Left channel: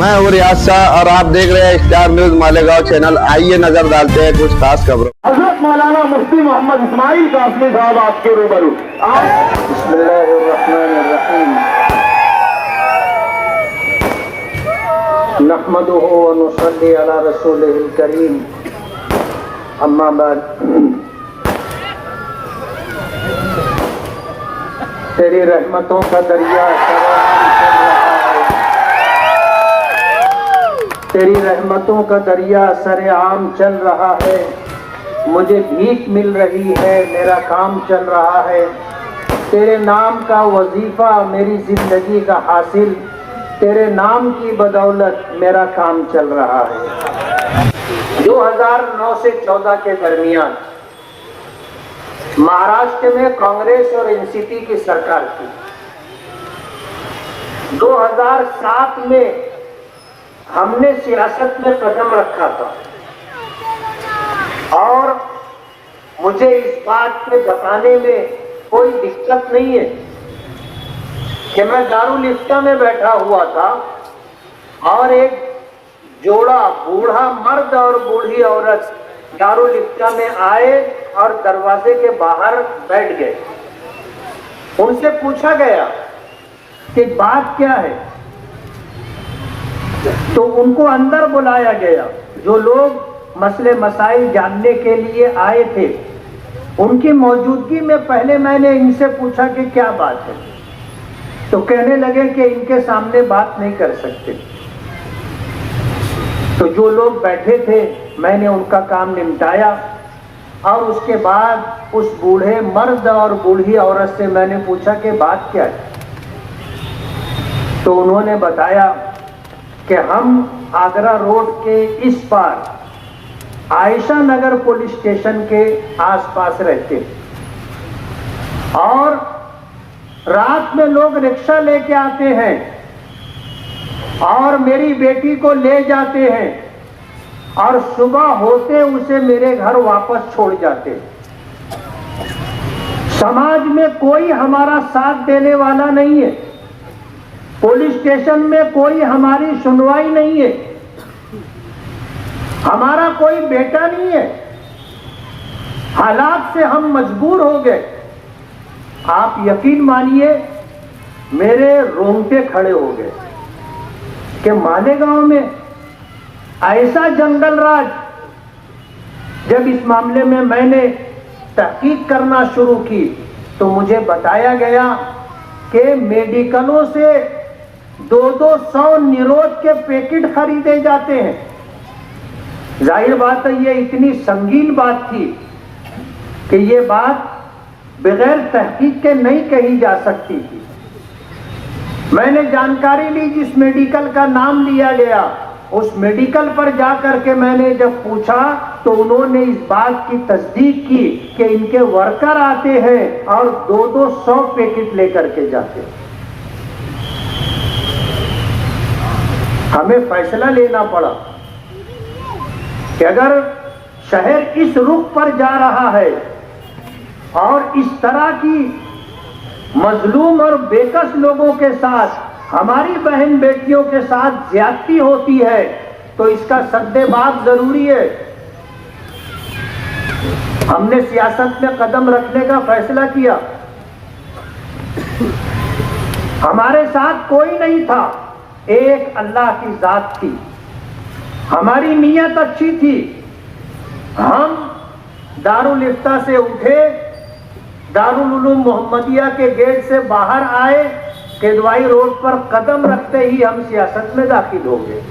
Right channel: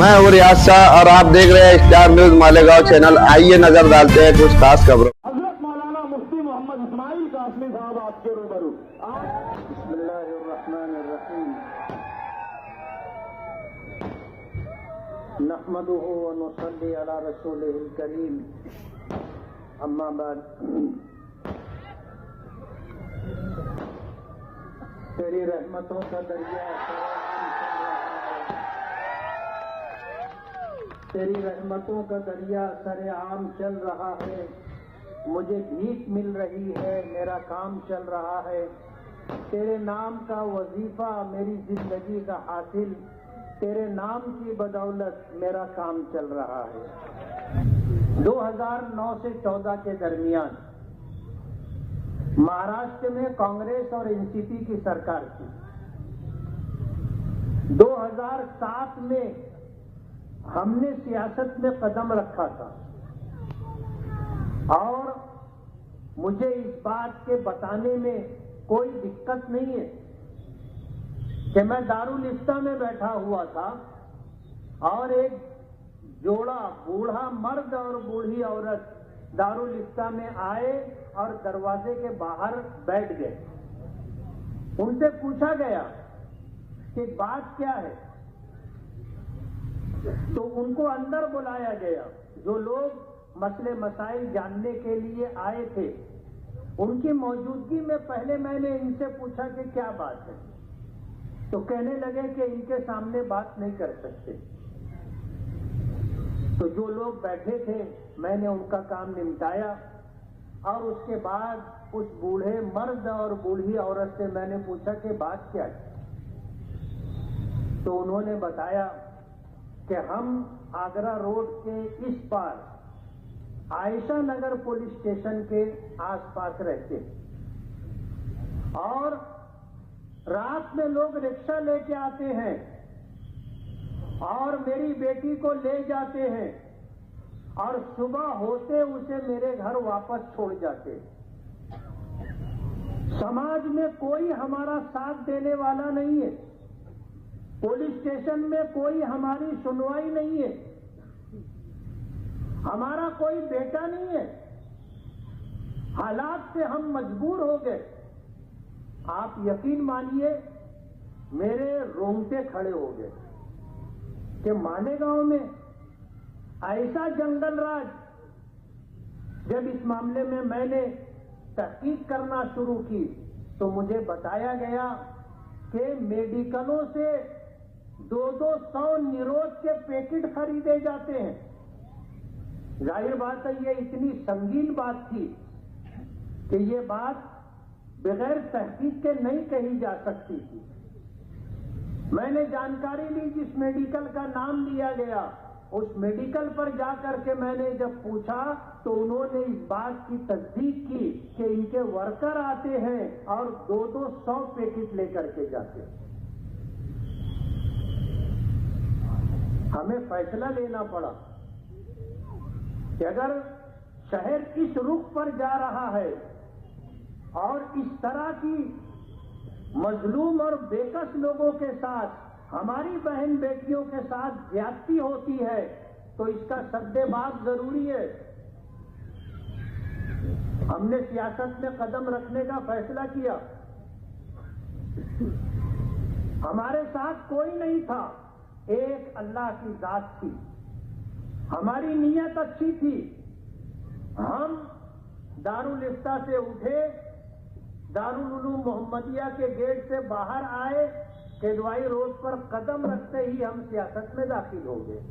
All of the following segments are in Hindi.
मैं हूँ रियाज शाह और आप देख रहे हैं स्टार न्यूज मालेगांव चैनल। आइए नजर डालते हैं कुछ खास खबरों। हजरत मौलाना मुफ्ती मोहम्मद इस्माइल कासमी साहब आपके रूबरू। बिस्मिल्लाहिर्रहमानिर्रहीम। नहमदुहु व नुसल्ली अला रसूलिहिल करीम। अम्मा बाद। तेरी रहमतों का दरिया तेरी रहमतों का दरिया सरेआम चल रहा है। मुझे भीख मिल रही है, मेरा काम चल रहा है। तेरे नाम का वजीफा मेरी जिंदगी का हासिल, तेरे नाम की बदौलत मेरा काम चल रहा है। 2009 से 14 के दरमियान महाराष्ट्र में कांग्रेस और एनसीपी की सरकार थी। 2007 में हमने सियासत में कदम रखा था और मुझे इस बात पे बताने में कोई दिक्कत नहीं है कि मैं दारुल इफ्ता में बैठा हुआ था और एक जोड़ा बूढ़ा मर्द और बूढ़ी औरत दारुल इफ्ता में आए और दरवाजे के बाहर बैठ गए। उनसे पूछा गया कि बात क्या है, तो उनको अंदर बुलाया गया। जो लोग मसले मसाइल जानने के लिए आए थे उनकी मौजूदगी में पहले मैंने इनसे पूछा कि क्या बात है, तो कहने लगे कि इनके सामने बात नहीं कर सकते। तो जो लोग बैठे थे मैंने उनका काम निपटाया और उसके बाद उस बूढ़े मर्द और बूढ़ी औरत से मैंने पूछा कि बात क्या है, तो उन्होंने बताया कि हम आगरा रोड के इस पार आयशा नगर पुलिस स्टेशन के आसपास रहते और रात में लोग रिक्शा लेके आते हैं और मेरी बेटी को ले जाते हैं और सुबह होते उसे मेरे घर वापस छोड़ जाते। समाज में कोई हमारा साथ देने वाला नहीं है, पुलिस स्टेशन में कोई हमारी सुनवाई नहीं है, हमारा कोई बेटा नहीं है। हालात से हम मजबूर हो गए। आप यकीन मानिए मेरे रोंगटे खड़े हो गए कि मालेगांव में ऐसा जंगल राज। जब इस मामले में मैंने तहकीक करना शुरू की तो मुझे बताया गया कि मेडिकलों से 200 निरोध के पैकेट खरीदे जाते हैं। जाहिर बात है ये इतनी संगीन बात थी कि ये बात बगैर तहकीक के नहीं कही जा सकती थी। मैंने जानकारी ली, जिस मेडिकल का नाम लिया गया उस मेडिकल पर जाकर के मैंने जब पूछा तो उन्होंने इस बात की तस्दीक की कि इनके वर्कर आते हैं और 200 पैकेट लेकर के जाते हैं। हमें फैसला लेना पड़ा कि अगर शहर इस रुख पर जा रहा है और इस तरह की मजलूम और बेकस लोगों के साथ, हमारी बहन बेटियों के साथ ज्यादती होती है तो इसका सद्देबाब जरूरी है। हमने सियासत में कदम रखने का फैसला किया। हमारे साथ कोई नहीं था, एक अल्लाह की जात थी। हमारी नीयत अच्छी थी। हम दारुल इफ्ता से उठे, दारुल उलूम मोहम्मदिया के गेट से बाहर आए, केदवाई रोड पर कदम रखते ही हम सियासत में दाखिल हो गए।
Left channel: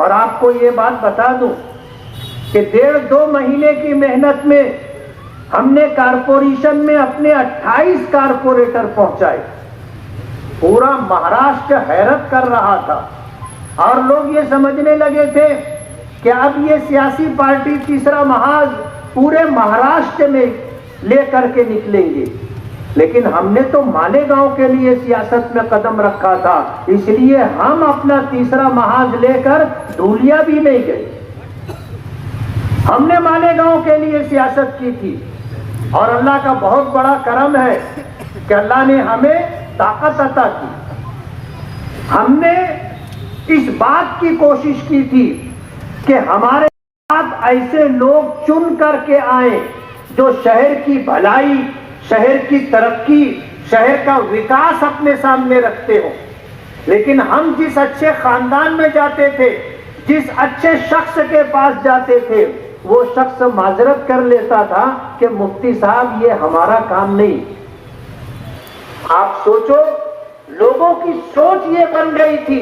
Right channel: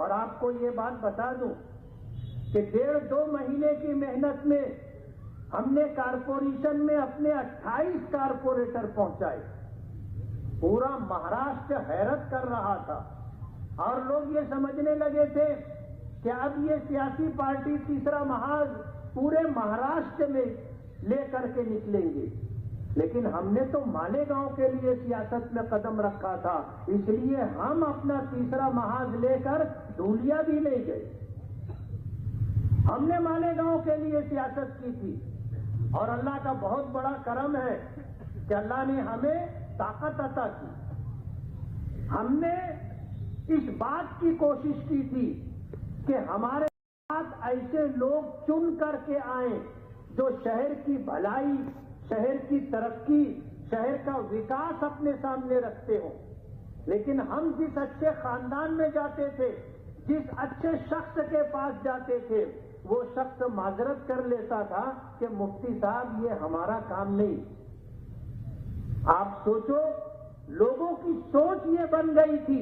और आपको ये बात बता दूं कि 1.5-2 महीने की मेहनत में हमने कारपोरेशन में अपने 28 कारपोरेटर पहुंचाए। पूरा महाराष्ट्र हैरत कर रहा था और लोग ये समझने लगे थे कि अब ये सियासी पार्टी तीसरा महाज पूरे महाराष्ट्र में लेकर के निकलेंगे। लेकिन हमने तो मालेगांव के लिए सियासत में कदम रखा था, इसलिए हम अपना तीसरा महाज लेकर धूलिया भी नहीं गए। हमने मालेगांव के लिए सियासत की थी और अल्लाह का बहुत बड़ा करम है कि अल्लाह ने हमें ताकत अता की। हमने इस बात की कोशिश की थी कि हमारे साथ ऐसे लोग चुन करके आए जो शहर की भलाई, शहर की तरक्की, शहर का विकास अपने सामने रखते हो। लेकिन हम जिस अच्छे खानदान में जाते थे, जिस अच्छे शख्स के पास जाते थे, वो शख्स माजरत कर लेता था कि मुफ्ती साहब ये हमारा काम नहीं। आप सोचो, लोगों की सोच ये बन गई थी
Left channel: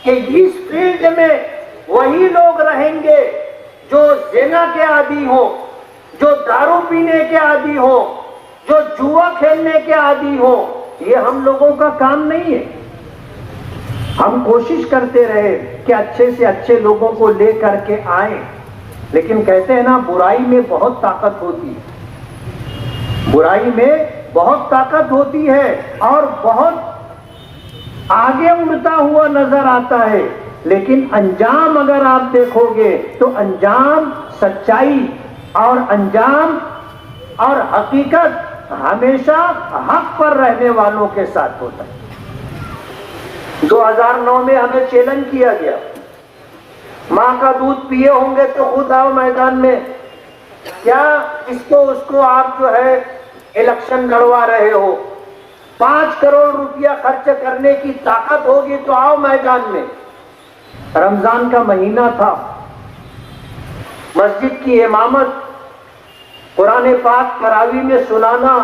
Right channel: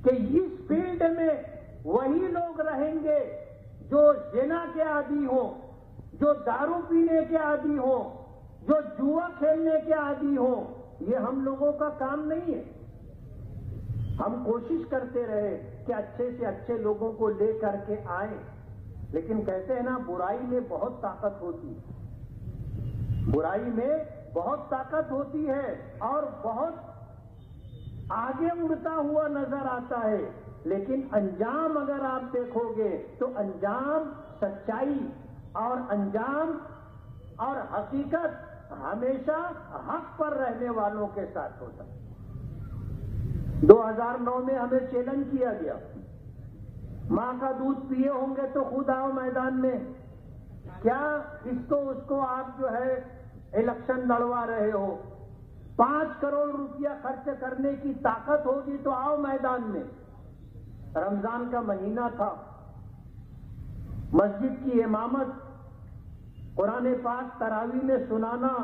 कि इस फील्ड में वही लोग रहेंगे जो ज़िना के आदी हो, जो दारू पीने के आदी हो, जो जुआ खेलने के आदी हो। ये हम लोगों का काम नहीं है। हम कोशिश करते रहे कि अच्छे से अच्छे लोगों को लेकर के आए, लेकिन कहते हैं ना, बुराई में बहुत ताकत होती है, बुराई में बहुत ताकत होती है और बहुत आगे उड़ता हुआ नजर आता है। लेकिन अंजाम अगर आप देखोगे तो अंजाम सच्चाई और अंजाम और हकीकत हमेशा हक पर रहने वालों के साथ होता है। 2009 में हमें चैलेंज किया गया, मां का दूध पिए होंगे तो खुद आओ मैदान में, क्या इसको उसको आप जो है इलेक्शन लड़वा रहे हो, 5 करोड़ रुपया खर्च करने की ताकत होगी तो आओ मैदान में। रमजान का महीना था, मस्जिद की इमामत, कुरान पाक तरावी में सुनाना,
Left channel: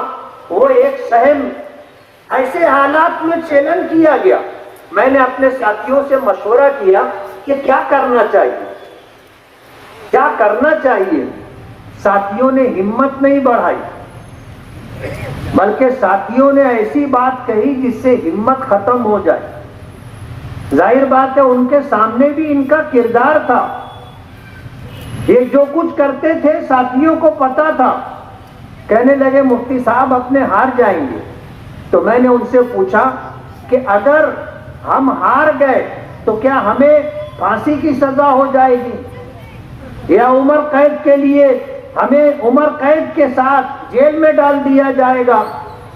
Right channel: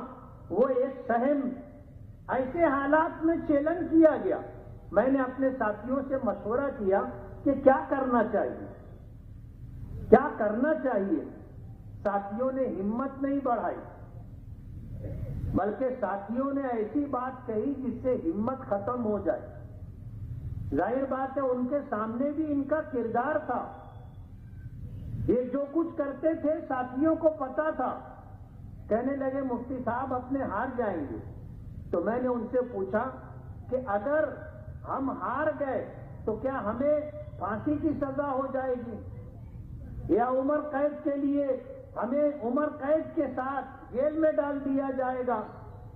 वो एक सहम। ऐसे हालात में चैलेंज किया गया। मैंने अपने साथियों से मशवरा किया कि क्या करना चाहिए, क्या करना चाहिए। साथियों ने हिम्मत नहीं बढ़ाई, बल्कि साथियों ने ऐसी बात कही जिससे हिम्मत खत्म हो जाए। जाहिर बात है, उनके सामने भी इनका किरदार था। ये जो कुछ करते थे साथियों को पता था। कहने लगे मुफ्ती साहब अपने हार जाएंगे। तो मैंने उनसे पूछा कि अगर हम हार गए तो क्या हमें फांसी की सजा हो जाएगी या उम्र कैद के लिए हमें उम्र कैद के साथ जेल में डाल दिया जाएगा?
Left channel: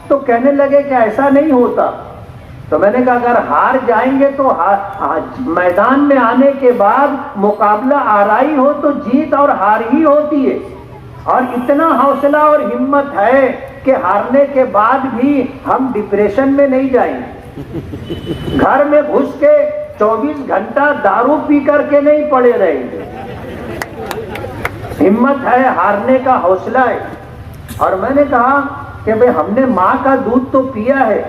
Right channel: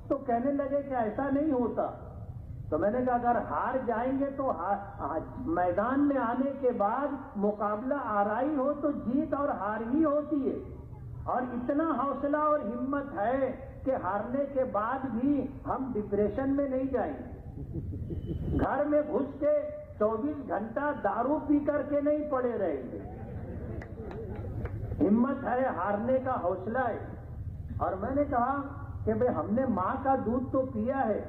तो कहने लगे कि ऐसा नहीं होता। तो मैंने कहा अगर हार जाएंगे तो मैदान में आने के बाद मुकाबला आराई हो तो जीत और हार ही होती है। और इतना हौसला और हिम्मत है कि हारने के बाद भी हम डिप्रेशन में नहीं जाएंगे, घर में घुस के 24 घंटा दारू पी करके नहीं पड़े रहेंगे। हिम्मत है, हारने का हौसला है। और मैंने कहा कि भाई हमने मां का दूध तो पिया है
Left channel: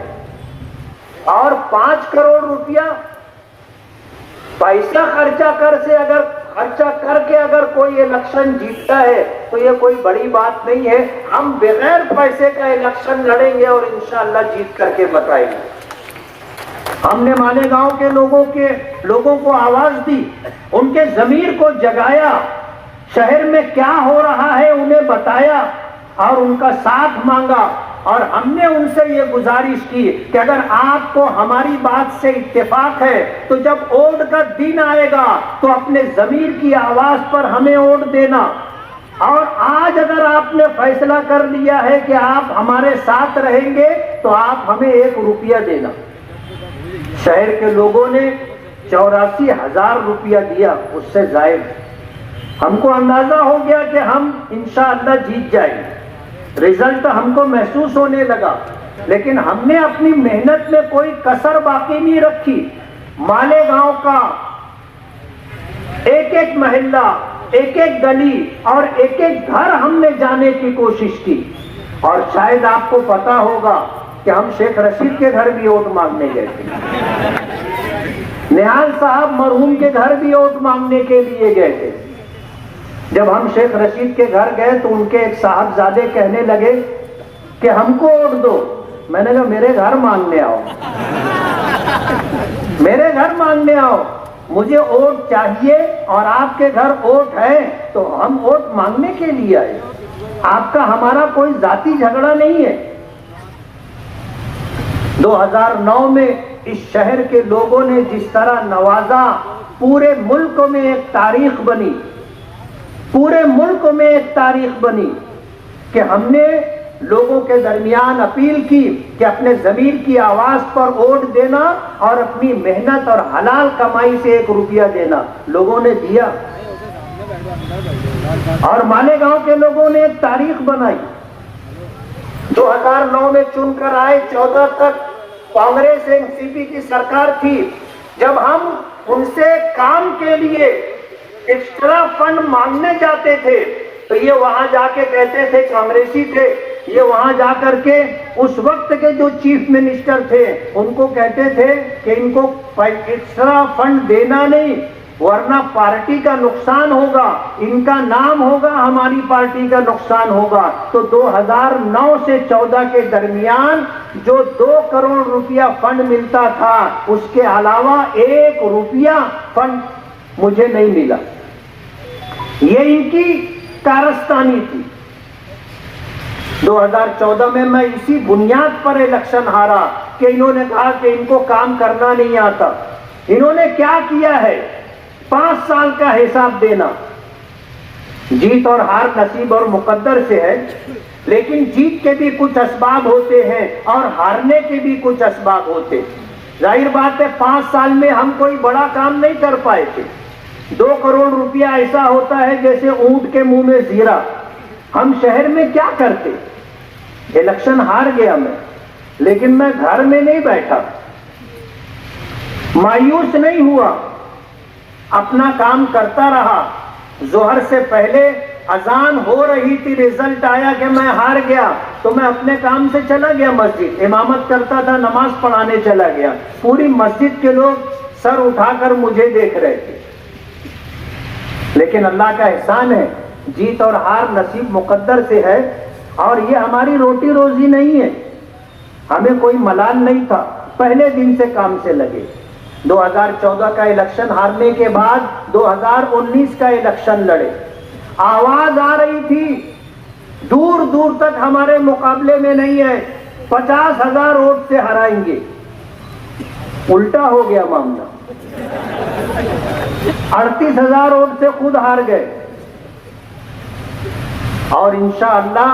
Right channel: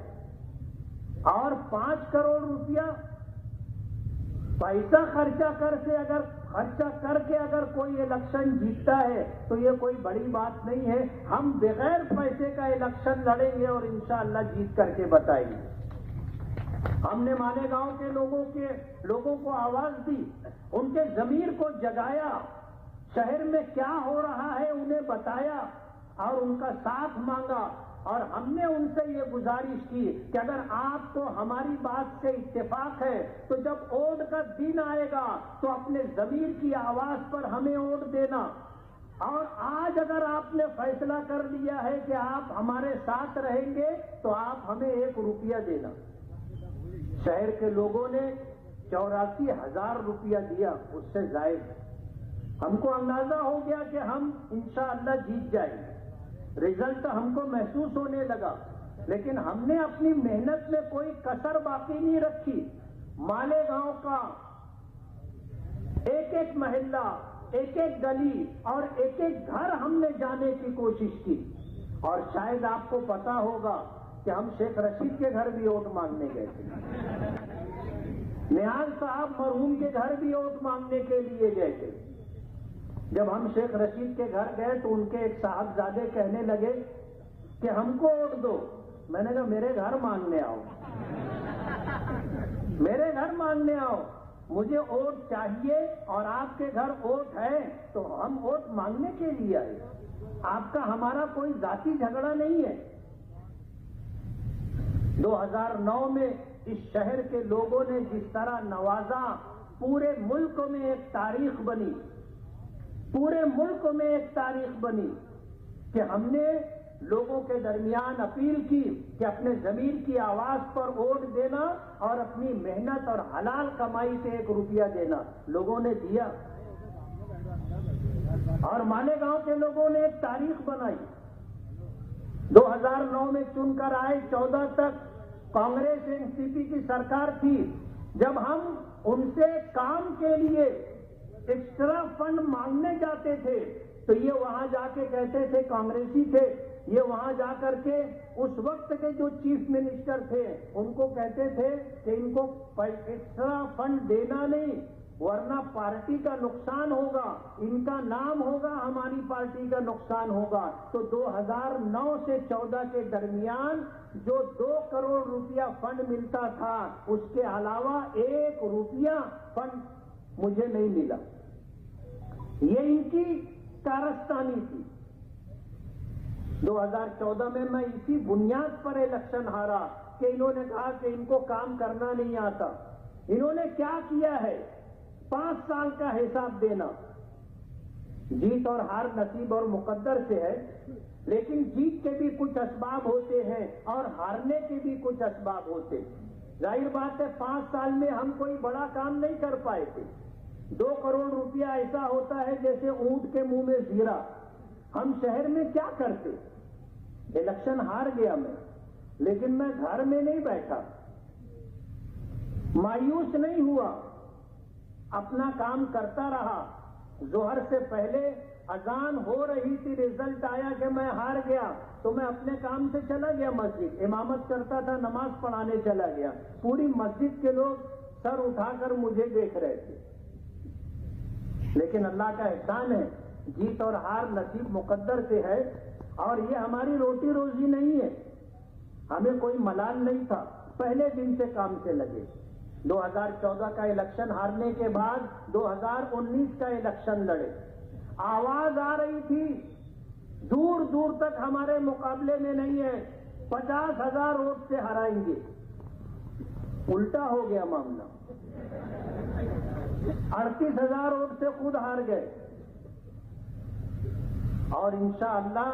और 5 करोड़ रुपया पैसा खर्चा करके अगर कोई इलेक्शन जीतता है तो ये कोई बड़ी बात नहीं है। हम बगैर पैसे का इलेक्शन लड़ेंगे और इंशाअल्लाह जीत करके बताएंगे। हमने मालेगांव के लोगों को आवाज दी, उनके जमीर को जगाया, शहर में क्या हो रहा है उन्हें बताया और उनका साथ मांगा। और हमने उनसे ये गुजारिश की कि अगर आपको हमारी बात से इत्तेफाक है तो जब वोट का दिन आएगा तो अपने जमीर की आवाज पर हमें वोट देना। और आज अगर आपने फैसला कर लिया है कि आप हमारे साथ रहेंगे तो आप हमें 1 रुपया देना। शहर के लोगों ने 84,000 रुपया दिया, उससे जायद। हमको अंदाजा हो गया कि हम इंशाअल्लाह जीत जाएंगे। रिजल्ट हमको महसूस होने लगा, लेकिन हमने अपनी मेहनत में कोई कसर बाकी नहीं रखी। मालेगांव का एक एक मोहल्ला, एक एक गली और एक एक घर हमने जाने की कोशिश की। और शायद आपको पता होगा कि हम शेख रशीद के घर भी वोट मांगने गए थे, निहाल साहब मरहूम के घर भी वोट मांगने के लिए गए थे। जब हम शेख रशीद के घर गए तो उनके एक साहबजादे कहने लगे कि हमको वोट दो। मैंने कहा मेरे घर मांगने आओ, मेरे घर मांगने आओ, मुझे वोट चाहिए और आपके घर वोट है तो हम वोट मांगने के लिए आए। आपका हमारा कोई जाति झगड़ा नहीं है। 2009 में इस शहर के लोगों ने जिस तरह नवाजा, पूरे मुल्क में एक तारीख बनी, पूरे मुल्क में एक तारीख बनी कि हमने लोगों के दरमियान अपील की कि अपने जमीर की आवाज पर वोट देना और अपनी मेहनत और हलाल कमाई से 1 रुपया देना। लोगों ने दिया और मालेगांव के लोगों ने एक तारीख बनाई। 2009 में चुनकर आए, 14 तक कांग्रेस एनसीपी की सरकार थी। जब हम उनसे काम के लिए एक्स्ट्रा फंड मांगने जाते थे तो ये वहां जाके कहते थे, कांग्रेसी थे, ये वहां जाकर के उस वक्त के जो चीफ मिनिस्टर थे उनको कहते थे कि इनको एक्स्ट्रा फंड देना नहीं, वरना पार्टी का नुकसान होगा, इनका नाम होगा, हमारी पार्टी का नुकसान होगा। तो 2009 से 14 के दरमियान जो 2 करोड़ रुपया फंड मिलता था, उसके अलावा 1 रुपया फंड मुझे नहीं मिला। ये इनकी कारस्तानी थी। 2014 में मैं इसी बुनियाद पर इलेक्शन हारा कि इन्होंने कहा कि इनको काम करना नहीं आता। इन्होंने क्या किया है, 5 साल का हिसाब देना। जीत और हार नसीब और मुकद्दर से है, लेकिन जीत के भी कुछ असबाब होते हैं और हारने के भी कुछ असबाब होते। जाहिर बात है 5 साल में हम कोई बड़ा काम नहीं कर पाए थे। 2 करोड़ रुपया ऐसा होता है जैसे ऊंट के मुंह में जीरा। हम शहर में क्या करते। इलेक्शन हार गया मैं, लेकिन मैं घर में नहीं बैठा, मायूस नहीं हुआ, अपना काम करता रहा। जोहर से पहले अजान हो रही थी, रिजल्ट आया कि मैं हार गया, तो मैं अपने काम से चला गया मस्जिद, इमामत करता था, नमाज पढ़ाने चला गया। पूरी मस्जिद के लोग सर उठाकर मुझे देख रहे थे। लेकिन अल्लाह का एहसान है, जीत और हार नसीब मुकद्दर से है और ये हमारी रोटी रोजी नहीं है। हमें कोई मलाल नहीं था, पहले दिन से काम से लगे। 2014 का इलेक्शन हारने के बाद 2019 का इलेक्शन लड़े। आवाज आ रही थी, दूर दूर तक हमारे मुकाबले में नहीं है, 50,000 वोट से हराएंगे। उल्टा हो गया मामला, 38,000 वोट से खुद हार गए और इंशाअल्लाह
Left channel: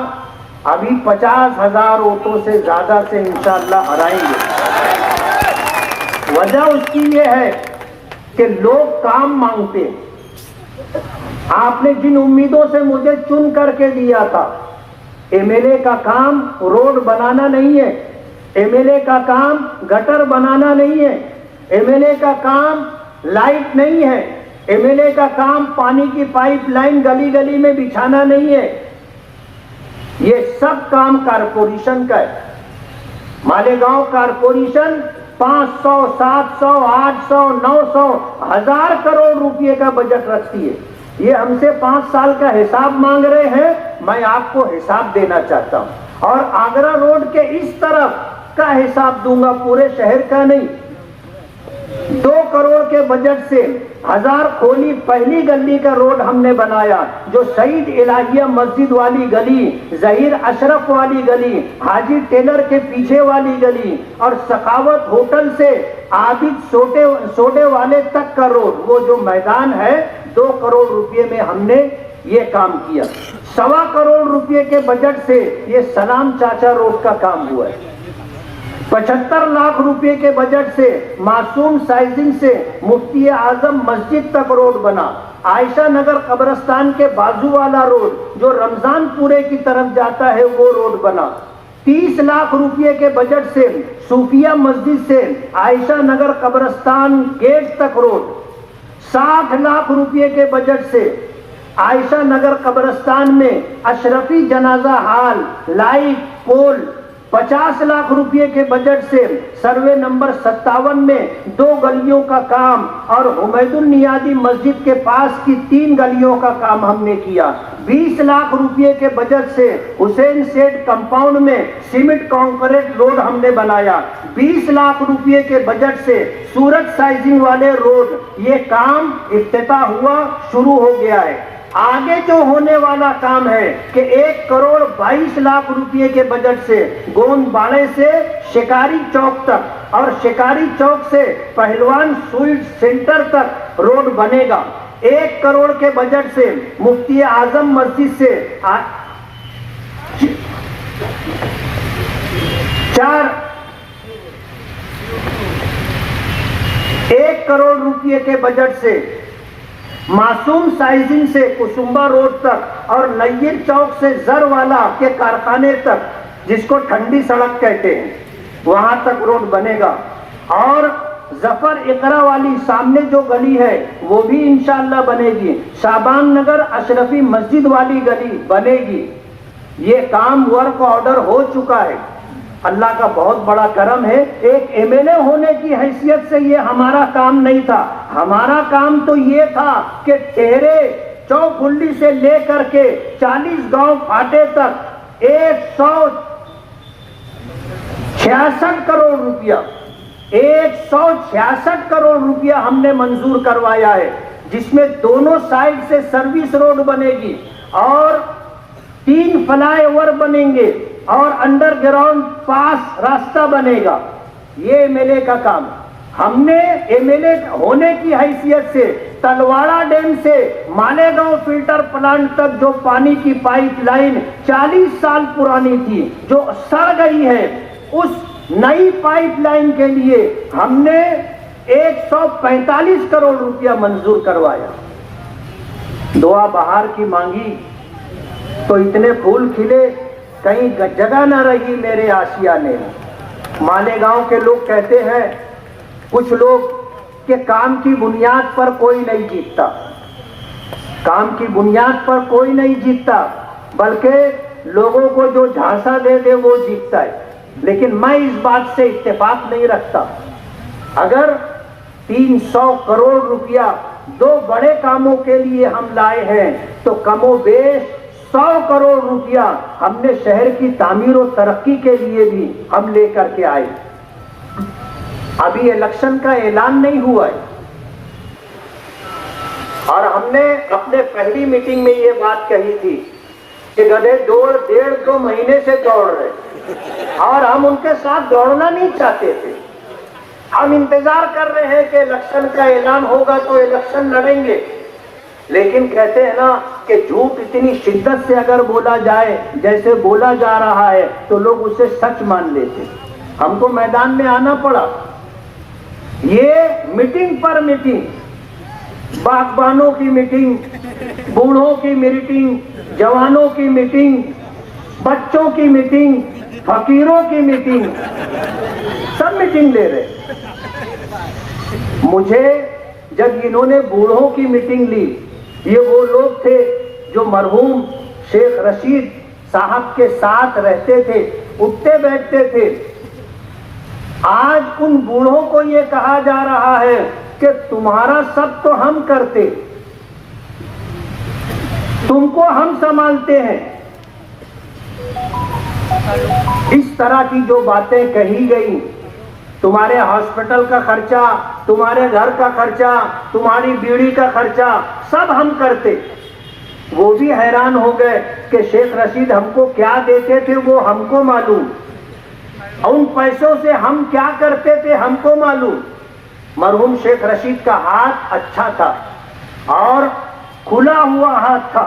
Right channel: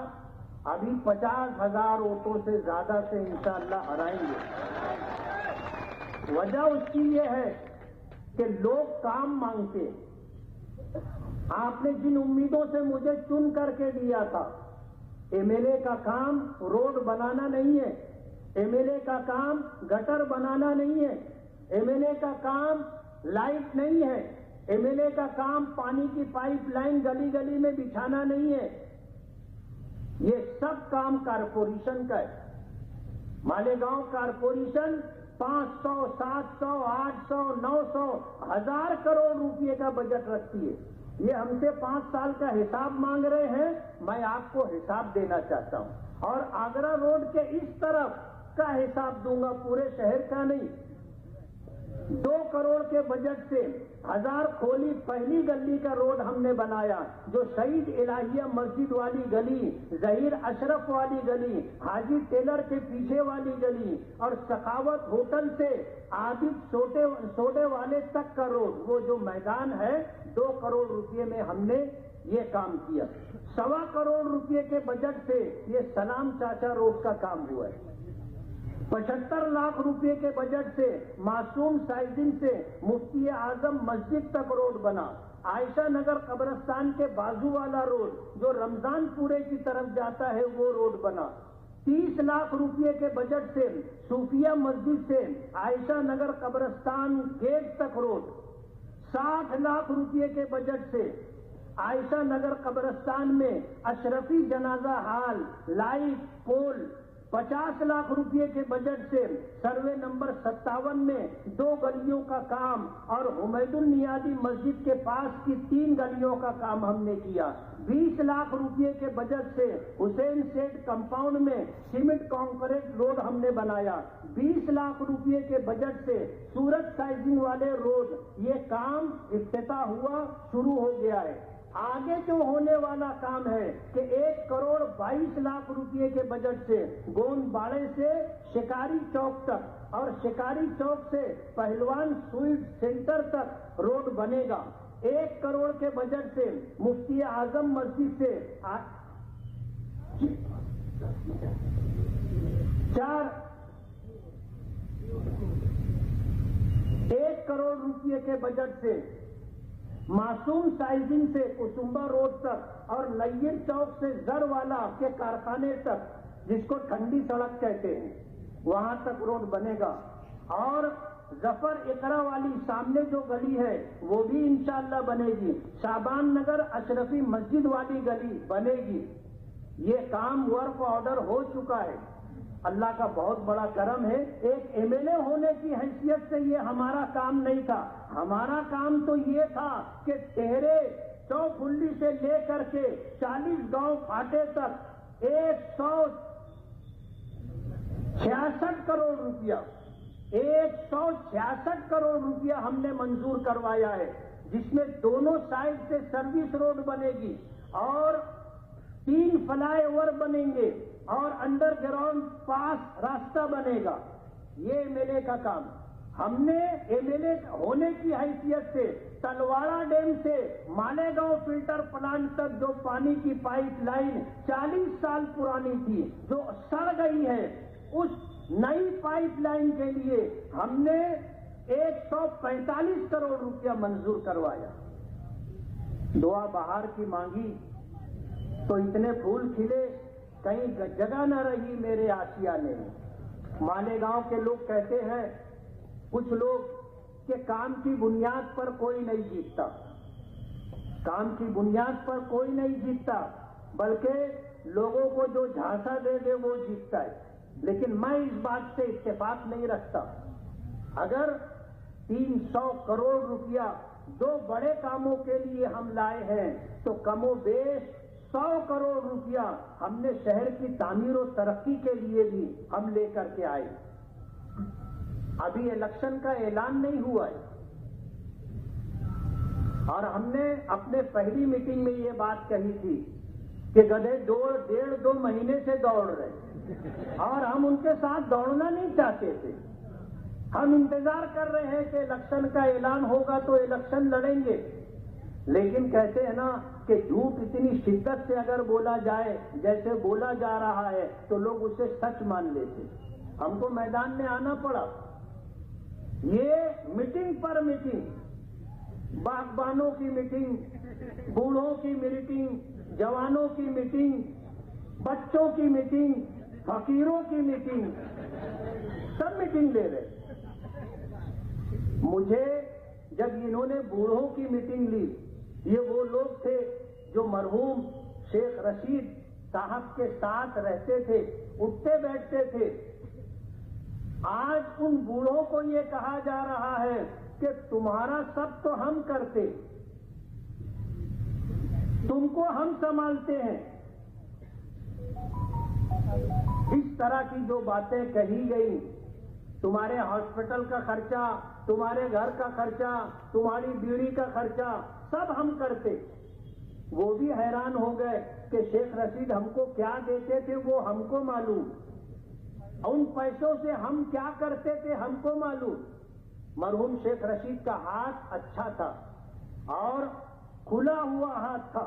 अभी 50,000 वोटों से ज्यादा से इंशाअल्लाह हराएंगे। वजह उसकी ये है कि लोग काम मांगते हैं। आपने जिन उम्मीदों से मुझे चुन करके दिया था, एमएलए का काम रोड बनाना नहीं है, एमएलए का काम गटर बनाना नहीं है, एमएलए का काम लाइट नहीं है, एमएलए का काम पानी की पाइपलाइन गली गली में बिछाना नहीं है। ये सब काम कारपोरेशन का है। मालेगांव कारपोरेशन 500, 700, 800, 900, 1000 करोड़ रुपए का बजट रखती है। ये हमसे 5 साल का हिसाब मांग रहे हैं, मैं आपको हिसाब देना चाहता हूं और आगरा रोड के इस तरफ का हिसाब दूंगा, पूरे शहर का नहीं। 2 करोड़ के बजट से 1000 खोली पहली गली का रोड हमने बनाया, जो शहीद इलाहिया मस्जिद वाली गली, जहीर अशरफ वाली गली, हाजी टेलर के पीछे वाली गली और सखावत होटल से आबिद सोडे वाले तक का रोड, वो जो मैदान है, 2 करोड़ रुपए में हमने ये काम किया। 1.25 करोड़ रुपए के बजट से ये सलाम चाचा रोड का काम हुआ है। 75 लाख रुपए के बजट से मासूम साइजिंग से मुफ्ती आजम मस्जिद तक रोड बना। आयशा नगर कब्रिस्तान के बाजू वाला रोड जो रमजान पूरे की तरफ जाता है, वो रोड बना। 30 लाख रुपए के बजट से सूफिया मस्जिद से आयशा नगर कब्रिस्तान गेट तक रोड। 60 लाख रुपए के बजट से आयशा नगर कब्रिस्तान में अशरफी जनाजा हाल, लाइट पोल। 50 लाख रुपए के बजट से सर्वे नंबर 57 में 2 गलियों का काम और हुमैदुल नियादी मस्जिद के पास की 3 गलियों का काम हमने किया। 20 लाख रुपए के बजट से हुसैन सेठ कंपाउंड में सीमेंट कंक्रीट रोड हमने बनाया। 20 लाख रुपए के बजट से सूरत साइजिंग वाले रोड, ये काम इफ्तिताह हुआ, शुरू हो गया है। आगे जो होने वाला काम है कि 1 करोड़ 22 लाख रुपए के बजट से गोंदबाड़े से शिकारी चौक तक और शिकारी चौक से पहलवान स्वीट सेंटर तक रोड बनेगा। 1 करोड़ के बजट से मुफ्ती आजम मस्जिद से 4 1 करोड़ रुपए के बजट से मासूम साइजिंग से कुसुम्बा रोड तक और नय्यर चौक से जरवाला के कारखाने तक, जिसको ठंडी सड़क कहते हैं, वहां तक रोड बनेगा। और जफर इकरा वाली सामने जो गली है वो भी इंशाअल्लाह बनेगी। शाबान नगर अशरफी मस्जिद वाली गली बनेगी। ये काम वर्क ऑर्डर हो चुका है। अल्लाह का बहुत बड़ा करम है। एक एमएलए होने की हैसियत से ये हमारा काम नहीं था। हमारा काम तो ये था कि टेहरे चौखुल्ली से लेकर के 40 गांव फाटे तक 166 करोड़ रुपया 166 करोड़ रुपया हमने मंजूर करवाया है, जिसमें दोनों साइड से सर्विस रोड बनेगी और 3 फ्लाईओवर बनेंगे और अंडरग्राउंड पास रास्ता बनेगा। ये एमएलए का काम। हमने एमएलए होने की हैसियत से तलवाड़ा डैम से मालेगांव फिल्टर प्लांट तक जो पानी की पाइपलाइन 40 साल पुरानी थी, जो सड़ गई है, उस नई पाइपलाइन के लिए हमने 145 करोड़ रुपया मंजूर करवाया। दुआ बहार की मांगी तो इतने फूल खिले, कहीं जगह न रही मेरे आशियाने में। मालेगांव के लोग कहते हैं, कुछ लोग, कि काम की बुनियाद पर कोई नहीं जीतता। काम की बुनियाद पर कोई नहीं जीतता, बल्कि लोगों को जो झांसा दे दे वो जीतता है। लेकिन मैं इस बात से इत्तेफाक नहीं रखता। अगर 300 करोड़ रुपया 2 बड़े कामों के लिए हम लाए हैं, तो कमोबेश 100 करोड़ रुपया हमने शहर की तामीर और तरक्की के लिए भी हम लेकर के आए। अभी इलेक्शन का ऐलान नहीं हुआ है और हमने अपने पहली मीटिंग में ये बात कही थी कि गधे 1.5-2 महीने से दौड़ रहे और हम उनके साथ दौड़ना नहीं चाहते थे। हम इंतजार कर रहे हैं कि इलेक्शन का ऐलान होगा तो इलेक्शन लड़ेंगे। लेकिन कहते हैं ना कि झूठ इतनी शिद्दत से अगर बोला जाए जैसे बोला जा रहा है तो लोग उसे सच मान लेते। हमको मैदान में आना पड़ा। ये मीटिंग पर मीटिंग, बागबानों की मीटिंग, बूढ़ों की मीटिंग, जवानों की मीटिंग, बच्चों की मीटिंग, फकीरों की मीटिंग, सब मीटिंग ले रहे। मुझे जब इन्होंने बूढ़ों की मीटिंग ली, ये वो लोग थे जो मरहूम शेख रशीद साहब के साथ रहते थे, उठते बैठते थे। आज उन बूढ़ों को ये कहा जा रहा है कि तुम्हारा सब तो हम करते, तुमको हम संभालते हैं। इस तरह की जो बातें कही गई, तुम्हारे हॉस्पिटल का खर्चा, तुम्हारे घर का खर्चा, तुम्हारी बीड़ी का खर्चा सब हम करते। वो भी हैरान हो गए कि शेख रशीद हमको क्या देते थे वो हमको मालूम, उन पैसों से हम क्या करते थे हमको मालूम। मरहूम शेख रशीद का हाथ अच्छा था और खुला हुआ हाथ था।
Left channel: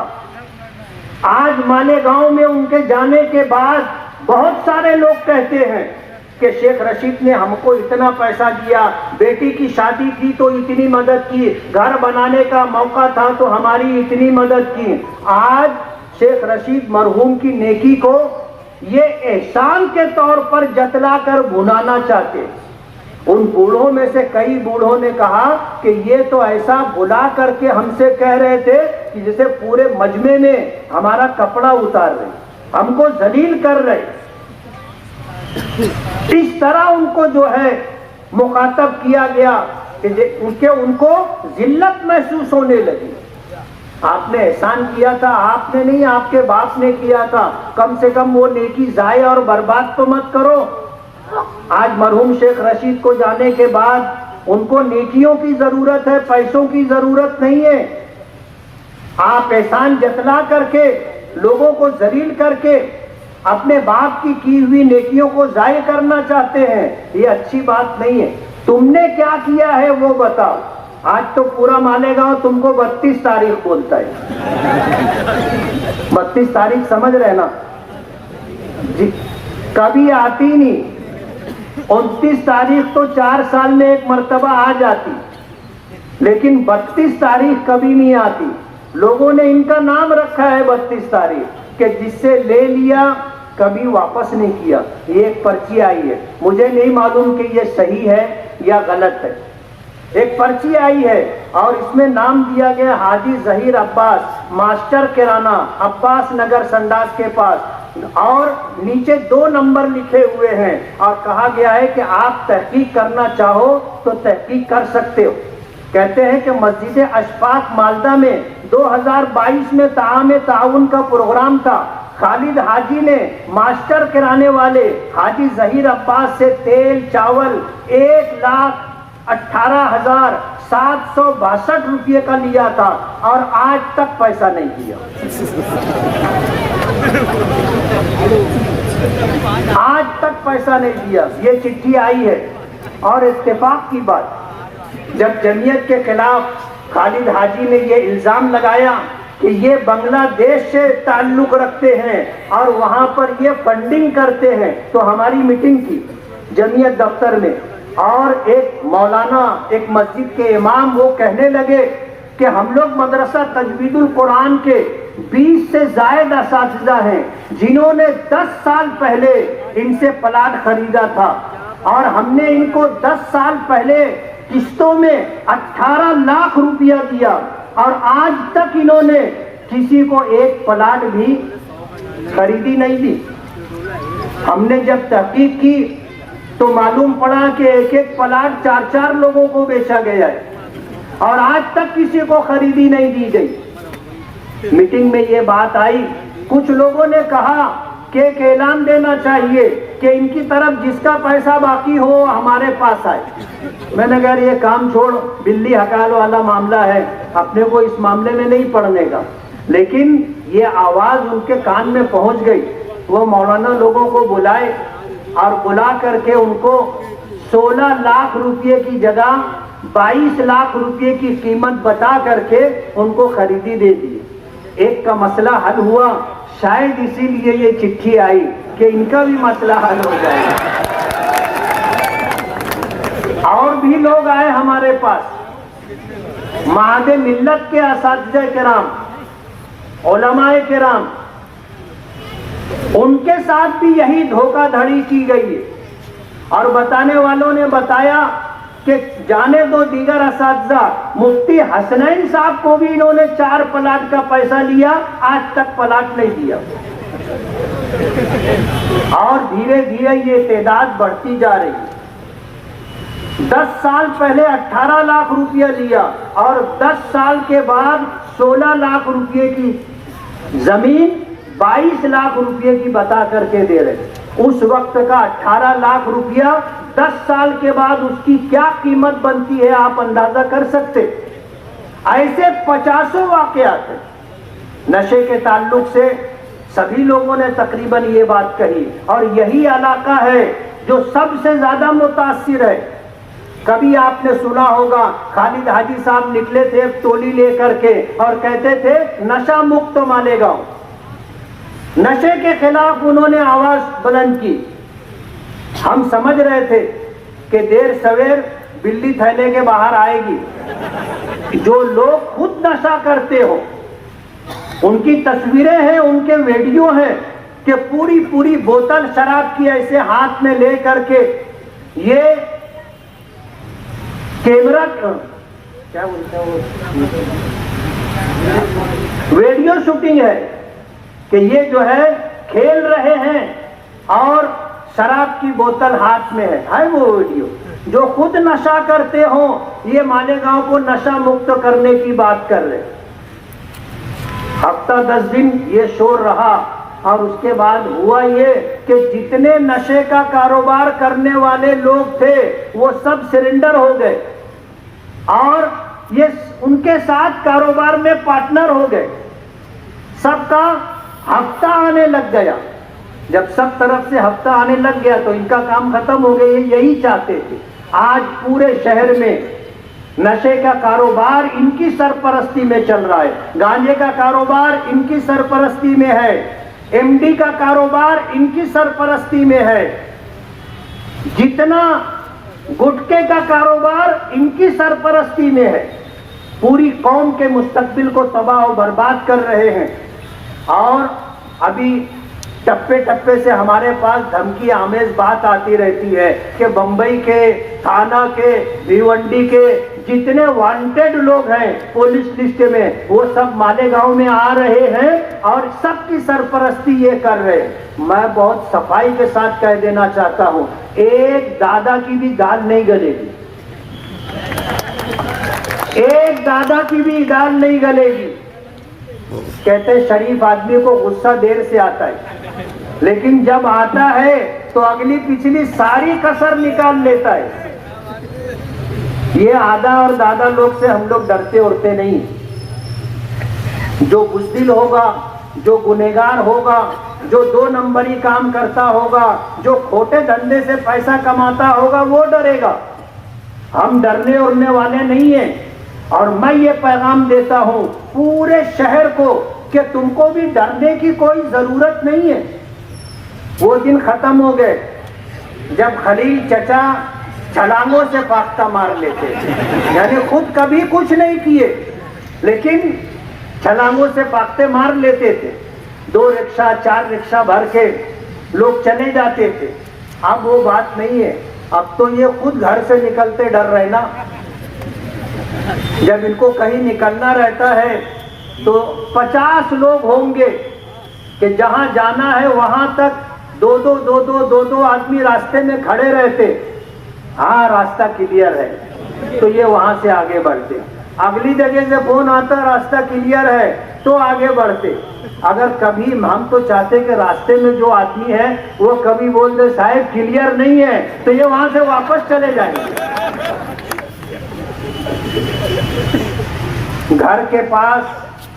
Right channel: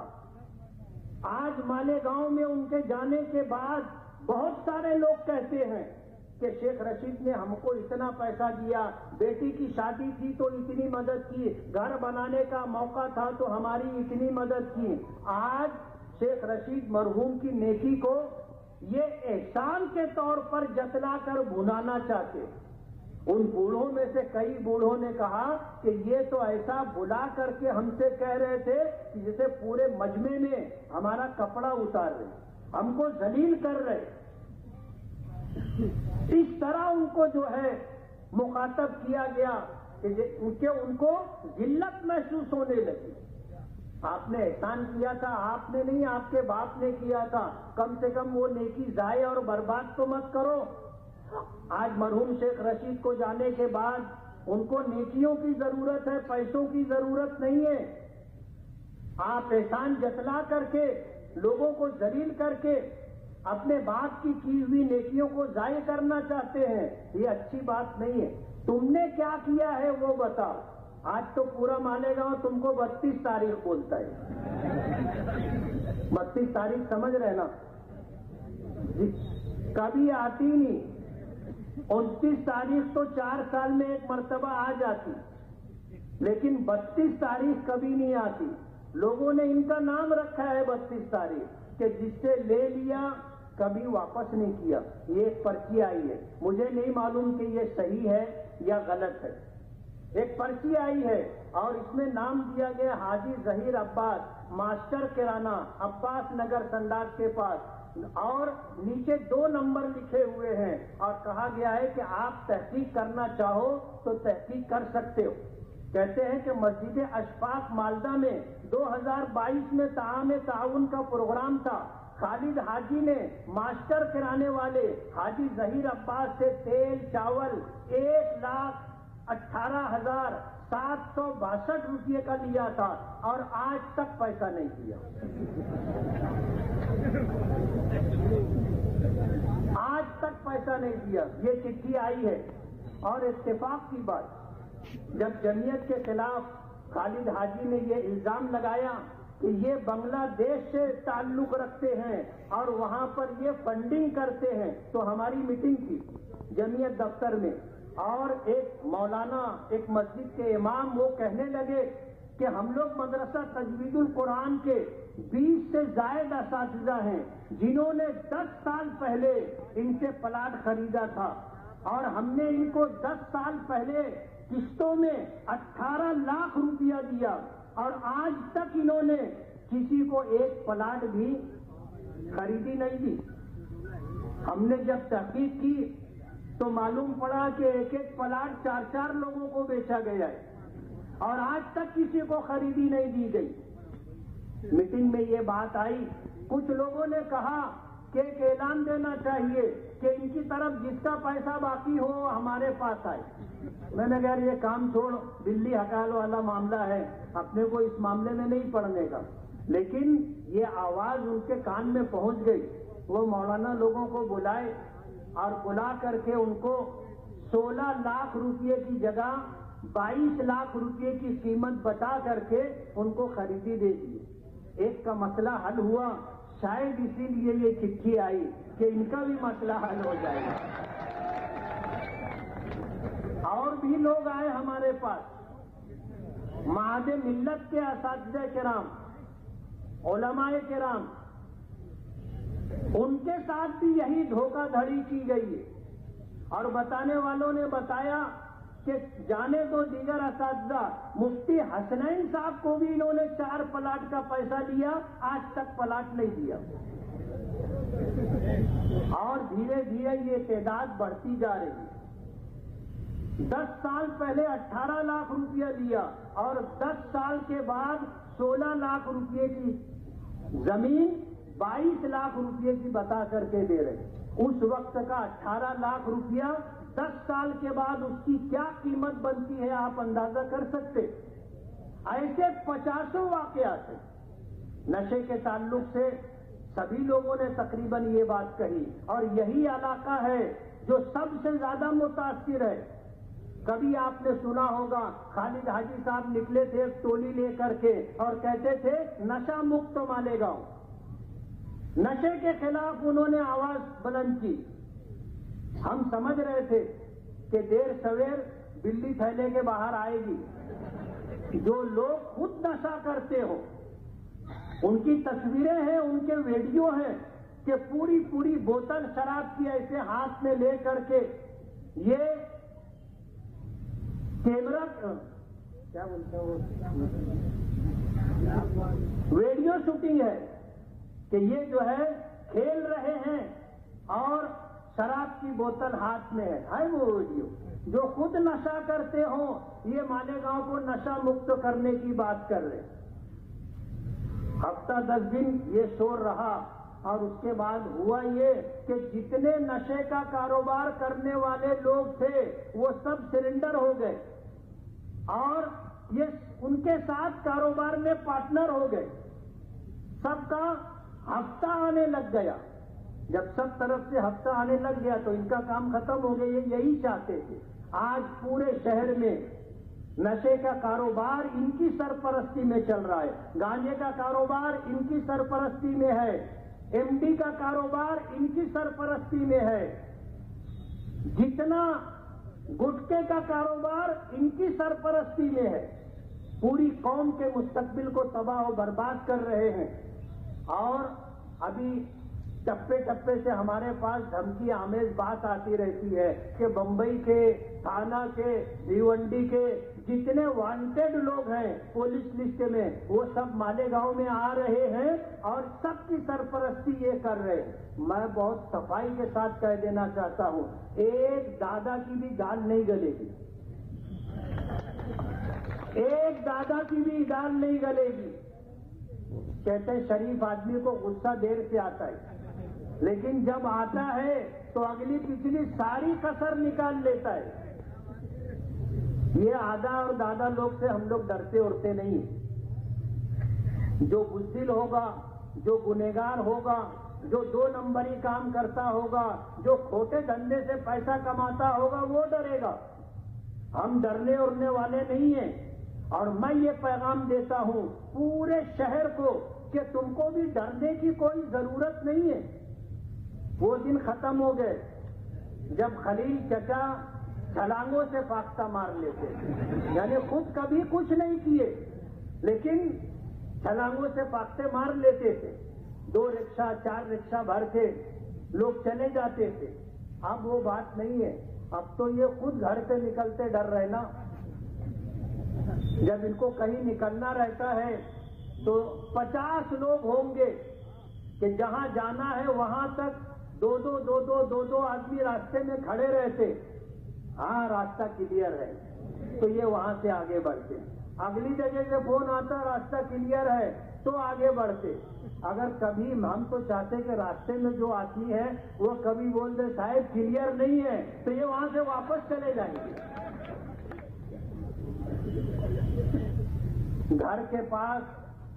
आज मालेगांव में उनके जाने के बाद बहुत सारे लोग कहते हैं कि शेख रशीद ने हमको इतना पैसा दिया, बेटी की शादी थी तो इतनी मदद की, घर बनाने का मौका था तो हमारी इतनी मदद की। आज शेख रशीद मरहूम की नेकी को ये एहसान के तौर पर जतलाकर भुनाना चाहते। उन बूढ़ों में से कई बूढ़ों ने कहा कि ये तो ऐसा भुला करके हमसे कह रहे थे कि जैसे पूरे मजमे में हमारा कपड़ा उतार रहे, हमको जलील कर रहे। इस तरह उनको जो है मुखातब किया गया कि उनको जिल्लत महसूस होने लगी। आपने एहसान किया था, आपने नहीं, आपके बाप ने किया था, कम से कम वो नेकी जाए और बर्बाद तो मत करो। आज मरहूम शेख रशीद को जाने के बाद उनको नेकियों की जरूरत है, पैसों की जरूरत नहीं है। आप एहसान जतला करके, लोगों को जलील करके अपने बाप की हुई नेकियों को जाय करना चाहते हैं, ये अच्छी बात नहीं है। तुमने क्या किया है वो बताओ। आज तो पूरा मालेगांव तुमको 32 तारीख बोलता है। 32 तारीख समझ रहे ना? कभी आती नहीं। 29 तारीख तो 4 साल में एक मर्तबा आ जाती, लेकिन 32 तारीख कभी नहीं आती। लोगों ने इनका नाम रखा है 32 तारीख कि जिससे ले लिया कभी वापस नहीं किया। ये एक पर्ची आई है, मुझे नहीं मालूम कि ये सही है या गलत है। एक पर्ची आई है और इसमें नाम दिया गया हाजी जहीर अब्बास, मास्टर किराना, अब्बास नगर संडास के पास, और नीचे 2 नंबर लिखे हुए हैं और कहा गया है कि आप तहकीक करना चाहो तो तहकीक कर सकते हो। कहते हैं कि मस्जिद अशफाक मालदा में 2022 में ताउन का प्रोग्राम था। खालिद हाजी ने मास्टर किराने वाले हाजी जहीर अब्बास से तेल चावल 1,18,762 रुपये का लिया था और आज तक पैसा नहीं दिया। आज तक पैसा नहीं दिया। ये चिट्ठी आई है। और इत्तेफाक की बात, जब जमीयत के खिलाफ खालिद हाजी ने ये इल्जाम लगाया कि ये बांग्लादेश से ताल्लुक रखते हैं और वहां पर ये फंडिंग करते हैं, तो हमारी मीटिंग थी जमीयत दफ्तर में और एक मौलाना, एक मस्जिद के इमाम, वो कहने लगे कि हम लोग मदरसा तजवीदुल कुरान के 20 से ज्यादा असातिज़ा हैं जिन्होंने 10 साल पहले इनसे प्लाट खरीदा था और हमने इनको 10 साल पहले किस्तों में 18 लाख रुपया दिया और आज तक इन्होंने किसी को एक प्लाट भी खरीदी नहीं दी। हमने जब तहकीक की तो मालूम पड़ा कि एक एक प्लाट 4-4 लोगों को बेचा गया है और आज तक किसी को खरीदी नहीं दी गई। मीटिंग में ये बात आई। कुछ लोगों ने कहा कि एक ऐलान देना चाहिए कि इनकी तरफ जिसका पैसा बाकी हो हमारे पास आए। मैंने कहा ये काम छोड़, बिल्ली हकाल वाला मामला है, अपने को इस मामले में नहीं पड़ने का। लेकिन ये आवाज उनके कान में पहुंच गई। वो मौलाना लोगों को बुलाए और बुला करके उनको 16 लाख रुपए की जगह 22 लाख रुपए की कीमत बता करके उनको खरीदी दे दी। एक का मसला हल हुआ, शायद इसीलिए ये चिट्ठी आई कि इनका भी मसला हल हो जाएगा। और भी लोग आए हमारे पास, महादे मिल्लत के असातिज़ा किराम, उलमाए किराम, उनके साथ भी यही धोखाधड़ी की गई है। और बताने वालों ने बताया कि जाने दो दीगर असातिज़ा, मुफ्ती हसनैन साहब को भी इन्होंने 4 प्लाट का पैसा लिया, आज तक प्लाट नहीं दिया। और धीरे धीरे ये तादाद बढ़ती जा रही है। 10 साल पहले 18 लाख रुपया लिया और 10 साल के बाद 16 लाख रुपये की जमीन 22 लाख रुपये की बता करके दे रहे। उस वक्त का 18 लाख रुपया 10 साल के बाद उसकी क्या कीमत बनती है आप अंदाजा कर सकते। ऐसे 50 वाकयात हैं नशे के ताल्लुक से। सभी लोगों ने तकरीबन ये बात कही और यही इलाका है जो सबसे ज्यादा मुतासिर है। कभी आपने सुना होगा खालिद हाजी साहब निकले थे एक टोली लेकर के और कहते थे नशा मुक्त मालेगांव। नशे के खिलाफ उन्होंने आवाज बुलंद की। हम समझ रहे थे कि देर सवेर बिल्ली थैले के बाहर आएगी। जो लोग खुद नशा करते हो उनकी तस्वीरें हैं, उनके वीडियो हैं कि पूरी पूरी बोतल शराब की ऐसे हाथ में ले करके ये कैमरा क्या बोलते हैं वीडियो शूटिंग है कि ये जो है खेल रहे हैं और शराब की बोतल हाथ में है वो वीडियो। जो खुद नशा करते हो ये मालेगांव को नशा मुक्त करने की बात कर रहे। हफ्ता 10 दिन ये शोर रहा और उसके बाद हुआ ये कि जितने नशे का कारोबार करने वाले लोग थे वो सब सरेंडर हो गए और ये उनके साथ कारोबार में पार्टनर हो गए। सबका हफ्ता आने लग गया। जब सब तरफ से हफ्ता आने लग गया तो इनका काम खत्म हो गया। यही चाहते थे। आज पूरे शहर में नशे का कारोबार इनकी सरपरस्ती में चल रहा है, गांजे का कारोबार इनकी सरपरस्ती में है, एमडी का कारोबार इनकी सरपरस्ती में है, जितना गुटखे का कारोबार इनकी सरपरस्ती में है। पूरी कौम के मुस्तकबिल को तबाह और बर्बाद कर रहे हैं। और अभी टप्पे टप्पे से हमारे पास धमकी आमेज बात आती रहती है कि बंबई के, थाना के, भिवंडी के जितने वांटेड लोग हैं पुलिस लिस्ट में, वो सब मालेगांव में आ रहे हैं और सबकी सरपरस्ती ये कर रहे हैं। मैं बहुत सफाई के साथ कह देना चाहता हूं, एक दादा की भी दाल नहीं गलेगी, एक दादा की भी दाल नहीं गलेगी। कहते शरीफ आदमी को गुस्सा देर से आता है, लेकिन जब आता है तो अगली पिछली सारी कसर निकाल लेता है। ये आधा और दादा लोग से हम लोग डरते उड़ते नहीं। जो बुज़दिल होगा, जो गुनहगार होगा, जो 2 नंबरी काम करता होगा, जो खोटे धंधे से पैसा कमाता होगा, वो डरेगा। हम डरने उड़ने वाले नहीं हैं। और मैं ये पैगाम देता हूं पूरे शहर को कि तुमको भी डरने की कोई जरूरत नहीं है। वो दिन खत्म हो गए जब खलील चचा छलांगों से फाख्ता मार लेते थे, यानी खुद कभी कुछ नहीं किए लेकिन छलांगों से फाख्ते मार लेते थे। 2 रिक्शा 4 रिक्शा भर के लोग चले जाते थे। अब वो बात नहीं है। अब तो ये खुद घर से निकलते डर रहे ना। जब इनको कहीं निकलना रहता है तो 50 लोग होंगे कि जहां जाना है वहां तक दो आदमी रास्ते में खड़े रहते। हाँ, रास्ता क्लियर है तो ये वहां से आगे बढ़ते। अगली जगह से फोन आता, रास्ता क्लियर है, तो आगे बढ़ते। अगर कभी हम तो चाहते कि रास्ते में जो आदमी है वो कभी बोल दे साहब क्लियर नहीं है, तो ये वहां से वापस चले जाएंगे। घर के पास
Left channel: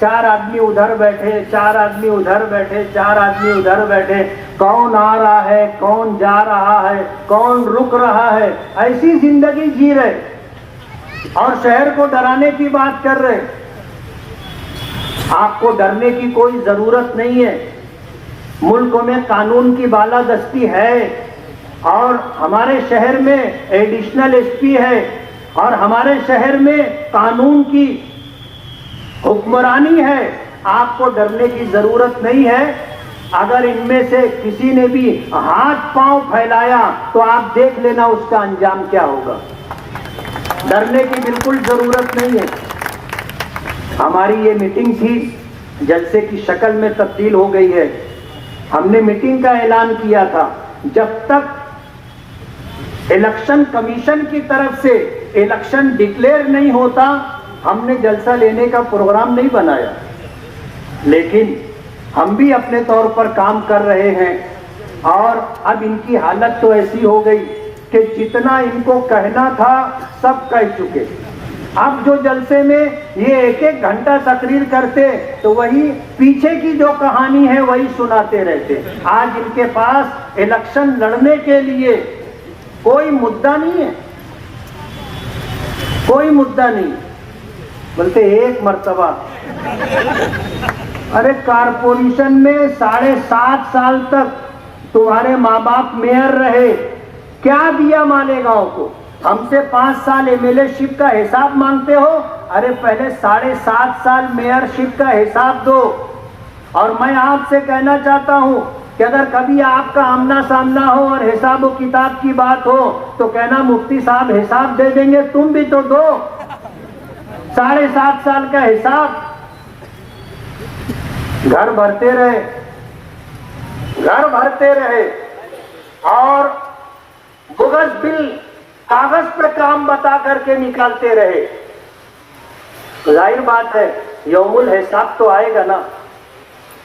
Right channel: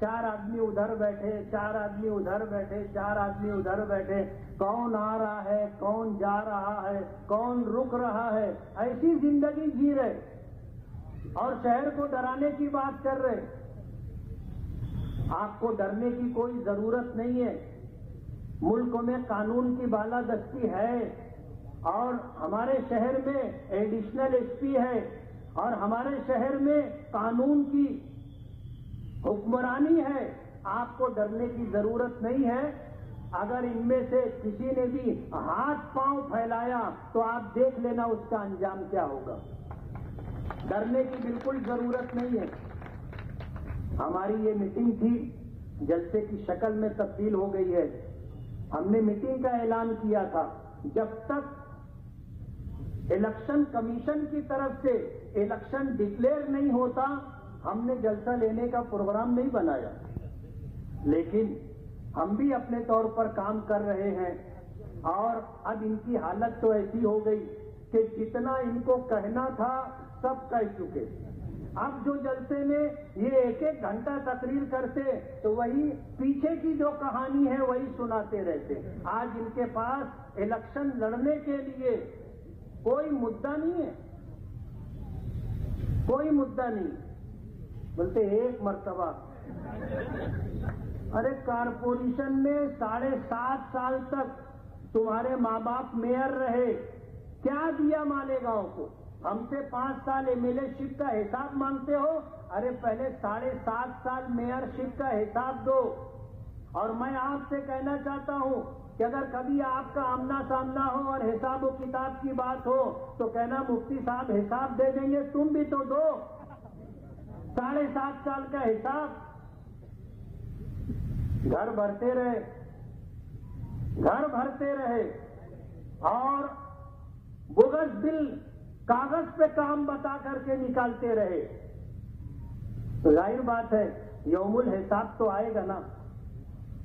4 आदमी उधर बैठे, 4 आदमी उधर बैठे, 4 आदमी उधर बैठे। कौन आ रहा है, कौन जा रहा है, कौन रुक रहा है, ऐसी जिंदगी जी रहे और शहर को डराने की बात कर रहे। आपको डरने की कोई जरूरत नहीं है। मुल्क में कानून की बालादस्ती है और हमारे शहर में एडिशनल एसपी है और हमारे शहर में कानून की हुक्मरानी है। आपको डरने की जरूरत नहीं है। अगर इनमें से किसी ने भी हाथ पांव फैलाया तो आप देख लेना उसका अंजाम क्या होगा। डरने की बिल्कुल जरूरत नहीं है। हमारी ये मीटिंग थी, जलसे की शक्ल में तब्दील हो गई है। हमने मीटिंग का ऐलान किया था, जब तक इलेक्शन कमीशन की तरफ से इलेक्शन डिक्लेयर नहीं होता हमने जलसा लेने का प्रोग्राम नहीं बनाया। लेकिन हम भी अपने तौर पर काम कर रहे हैं और अब इनकी हालत तो ऐसी हो गई कि जितना इनको कहना था सब कह चुके। अब जो जलसे में ये 1-1 घंटा तकरीर करते तो वही पीछे की जो कहानी है वही सुनाते रहते। आज इनके पास इलेक्शन लड़ने के लिए कोई मुद्दा नहीं है, कोई मुद्दा नहीं। बोलते एक मर्तबा, अरे कारपोरेशन में 7.5 साल तक तुम्हारे माँ बाप मेयर रहे, क्या दिया मालेगांव को? हमसे 5 साल एमएलए-शिप का हिसाब मांगते हो? अरे पहले 7.5 साल मेयरशिप का हिसाब दो। और मैं आपसे कहना चाहता हूं कि अगर कभी आपका आमना सामना हो और हिसाब व किताब की बात हो तो कहना मुफ्ती साहब हिसाब दे देंगे, तुम भी तो दो 7.5 साल का हिसाब। घर भरते रहे, घर भरते रहे और बोगस बिल कागज पे काम बता करके निकालते रहे। तो जाहिर बात है यौमुल हिसाब तो आएगा ना।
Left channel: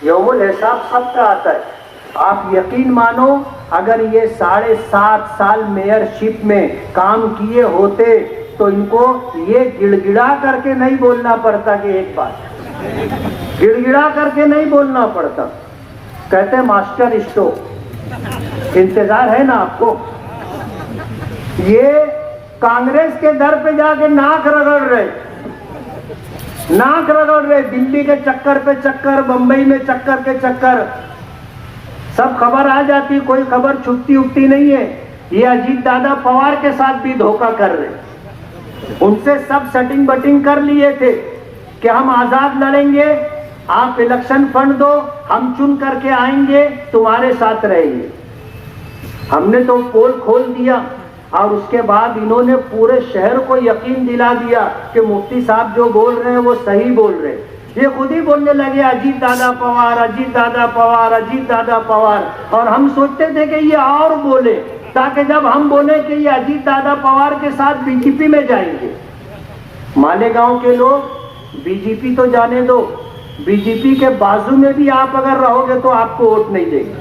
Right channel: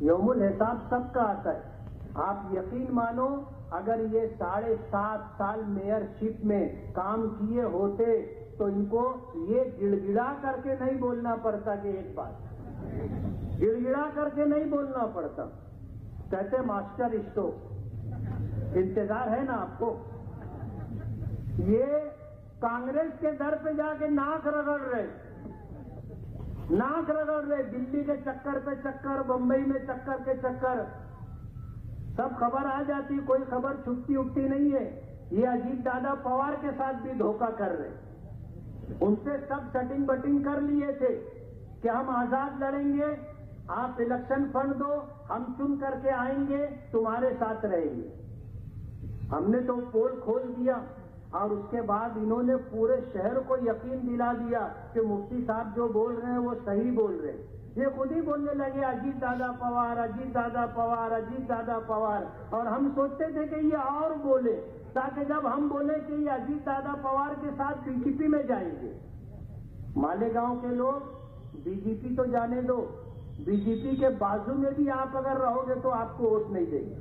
यौमुल हिसाब सबका आता है। आप यकीन मानो अगर ये 7.5 साल मेयरशिप में काम किए होते तो इनको ये गिड़गिड़ा करके नहीं बोलना पड़ता कि एक बात, गिड़गिड़ा करके नहीं बोलना पड़ता। कहते मास्टर स्ट्रोक, इंतजार है ना आपको? ये कांग्रेस के दर पे जाके नाक रगड़ रहे, नाक रगड़ रहे। दिल्ली के चक्कर पे चक्कर, बंबई में चक्कर के चक्कर। सब खबर आ जाती, कोई खबर छुपती उठती नहीं है। ये अजीत दादा पवार के साथ भी धोखा कर रहे, उनसे सब सेटिंग बटिंग कर लिए थे कि हम आजाद लड़ेंगे, आप इलेक्शन फंड दो, हम चुन करके आएंगे, तुम्हारे साथ रहेंगे। हमने तो पोल खोल दिया और उसके बाद इन्होंने पूरे शहर को यकीन दिला दिया कि मुफ्ती साहब जो बोल रहे हैं वो सही बोल रहे हैं। ये खुद ही बोलने लगे अजीत दादा पवार, अजीत दादा पवार, अजीत दादा पवार। और हम सोचते थे कि ये और बोले ताकि जब हम बोले कि ये अजीत दादा पवार के साथ बीजेपी में जाएंगे। मालेगांव के लोग बीजेपी तो जाने दो, बीजेपी के बाजू में भी आप अगर रहोगे तो आपको वोट नहीं देंगे।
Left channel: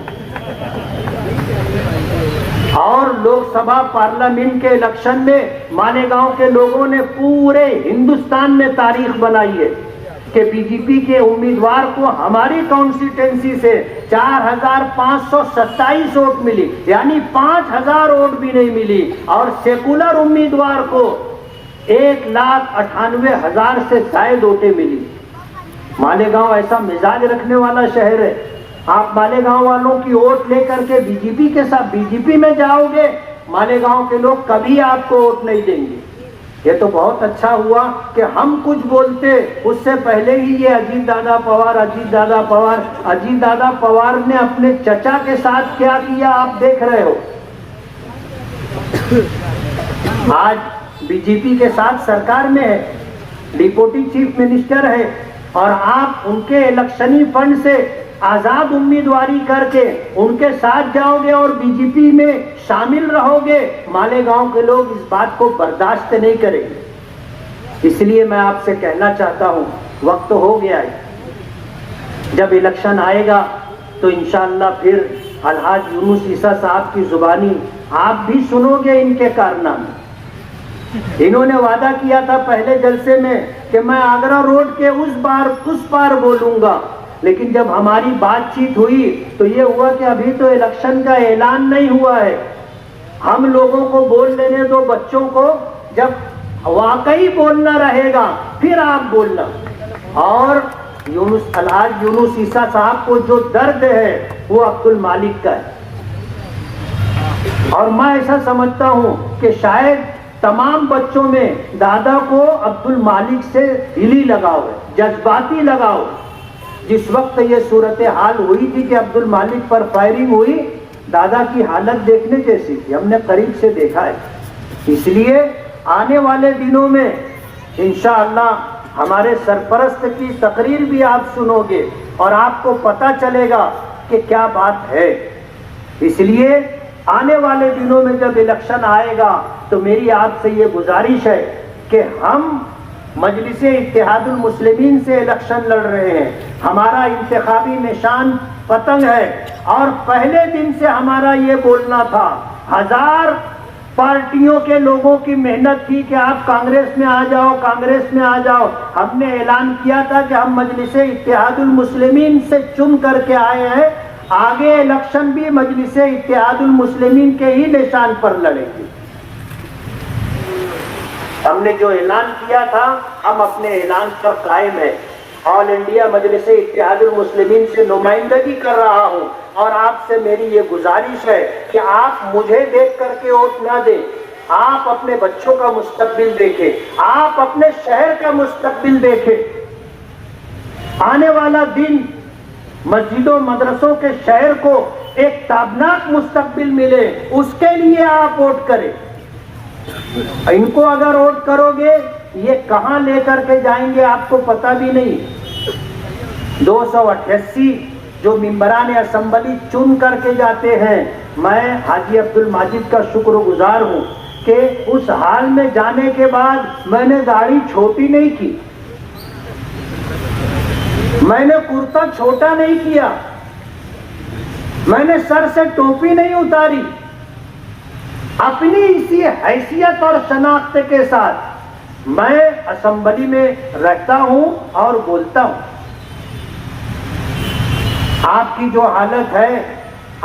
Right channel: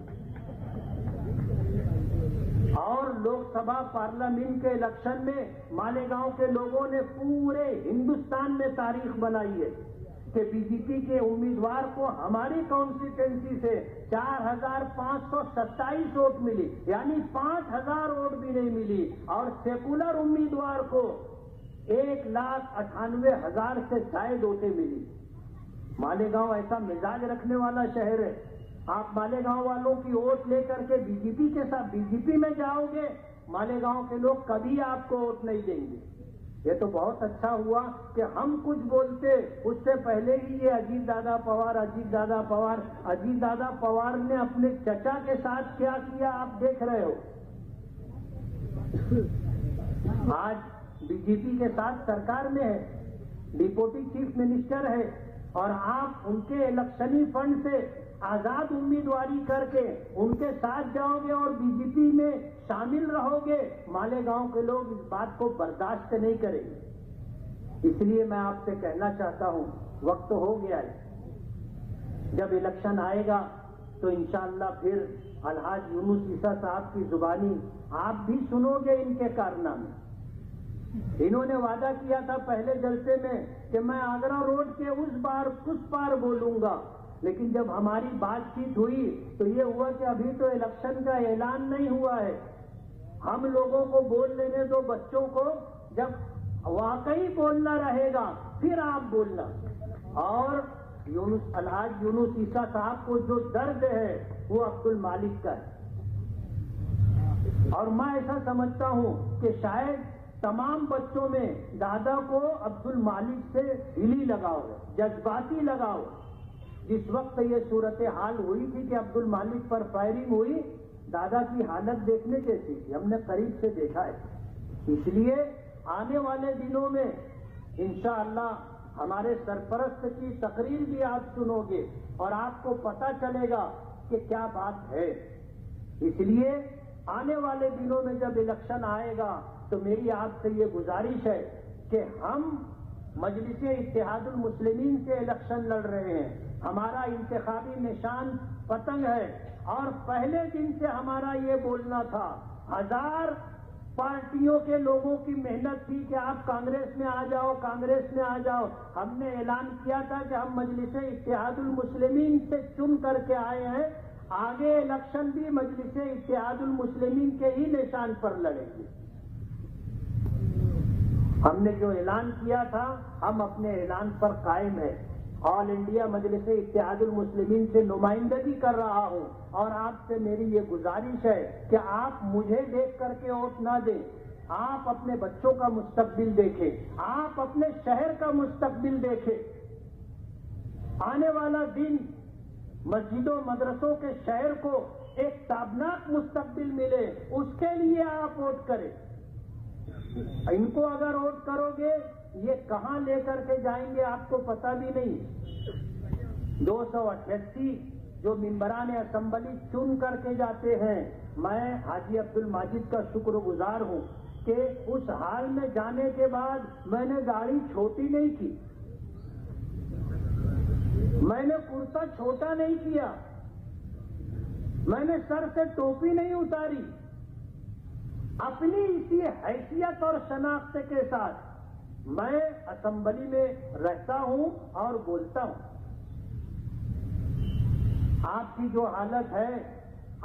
और लोकसभा पार्लियामेंट के इलेक्शन में मालेगांव के लोगों ने पूरे हिंदुस्तान में तारीख बनाई है कि बीजेपी के उम्मीदवार को हमारी कॉन्स्टिट्यूंसी से 4,527 वोट मिली, यानी 5,000 वोट भी नहीं मिली। और सेकुलर उम्मीदवार को 1,98,000 से ज्यादा वोटें मिली। मालेगांव ऐसा मिजाज रखने वाला शहर है। आप मालेगांव वालों की वोट लेकर के बीजेपी के साथ बीजेपी में जाओगे, मालेगांव के लोग कभी आपको वोट नहीं देंगे। ये तो बहुत अच्छा हुआ कि हम कुछ बोलते उससे पहले ही ये अजीत दादा पवार, अजीत दादा पवार। अजीत दादा पवार ने अपने चचा के साथ क्या किया आप देख रहे हो। आज बीजेपी के साथ सरकार में है, डिप्टी चीफ मिनिस्टर है, और आप उनके इलेक्शनी फंड से आजाद उम्मीदवारी करके उनके साथ जाओगे और बीजेपी में शामिल रहोगे। मालेगांव के लोग इस बात को बर्दाश्त नहीं करेंगे। इसलिए मैं आपसे कहना चाहता हूं, वक्त हो गया है। जब इलेक्शन आएगा तो इंशाअल्लाह फिर अलहाज यूनुस ईसा साहब की जुबानी आप भी सुनोगे इनके कारनामे। इन्होंने वादा किया था पहले जलसे में कि मैं आगरा रोड के उस पार बोलूंगा, लेकिन जब हमारी बातचीत हुई तो ये हुआ कि अभी तो इलेक्शन का ऐलान नहीं हुआ है, हम लोगों को बोल लेने दो, बच्चों को, जब वाकई बोलना रहेगा फिर आप बोलना। और अलहाज यूनुस ईसा साहब को जो दर्द है वो अब्दुल मालिक का है। और मैं ऐसा समझता हूं कि शायद तमाम बच्चों में दादा को अब्दुल मालिक से दिली लगाव है, जज्बाती लगाव। जिस वक्त ये सूरत हाल हुई थी कि अब्दुल मालिक पर फायरिंग हुई, दादा की हालत देखने जैसी थी, हमने करीब से देखा है। इसलिए आने वाले दिनों में इंशाअल्लाह हमारे सरपरस्त की तकरीर भी आप सुनोगे और आपको पता चलेगा कि क्या बात है। इसलिए आने वाले दिनों में जब इलेक्शन आएगा तो मेरी आपसे ये गुजारिश है कि हम मजलिस इत्तेहादुल मुस्लिमीन से इलेक्शन लड़ रहे हैं। हमारा इंतखाबी निशान पतंग है और पहले दिन से हमारा ये बोलना था, 1000 पार्टियों के लोगों की मेहनत थी कि आप कांग्रेस में आ जाओ, कांग्रेस में आ जाओ। हमने ऐलान किया था कि हम मजलिस इत्तेहादुल मुस्लिमीन से चुन करके आए हैं, आगे इलेक्शन भी मजलिस इत्तेहादुल मुस्लिमीन के ही निशान पर लड़ेंगे। हमने जो ऐलान किया था हम अपने ऐलान पर कायम है। ऑल इंडिया मजलिस इत्तेहादुल मुस्लिमीन से नुमाइंदगी कर रहा हूं और आपसे मेरी ये गुजारिश है कि आप मुझे देख करके वोट ना दें, आप अपने बच्चों का मुस्तकबिल देखें, आप अपने शहर का मुस्तकबिल देखें। आने वाला दिन मस्जिदों मदरसों के शहर को एक ताबनाक मुस्तकबिल मिले, उसके लिए आप वोट करें। इनको अगर वोट करोगे ये कहां लेकर के जाएंगे आपको पता भी नहीं। 288 जो मिंबरान असम्बली चुन करके जाते हैं, मैं हाजी अब्दुल माजिद का शुक्रगुजार हूं कि उस हाल में जाने के बाद मैंने दाढ़ी छोटी नहीं की, मैंने कुर्ता छोटा नहीं किया, मैंने सर से टोपी नहीं उतारी। अपनी इसी हैसियत और शनाख्त के साथ मैं असेंबली में रहता हूं और बोलता हूं। आपकी जो हालत है,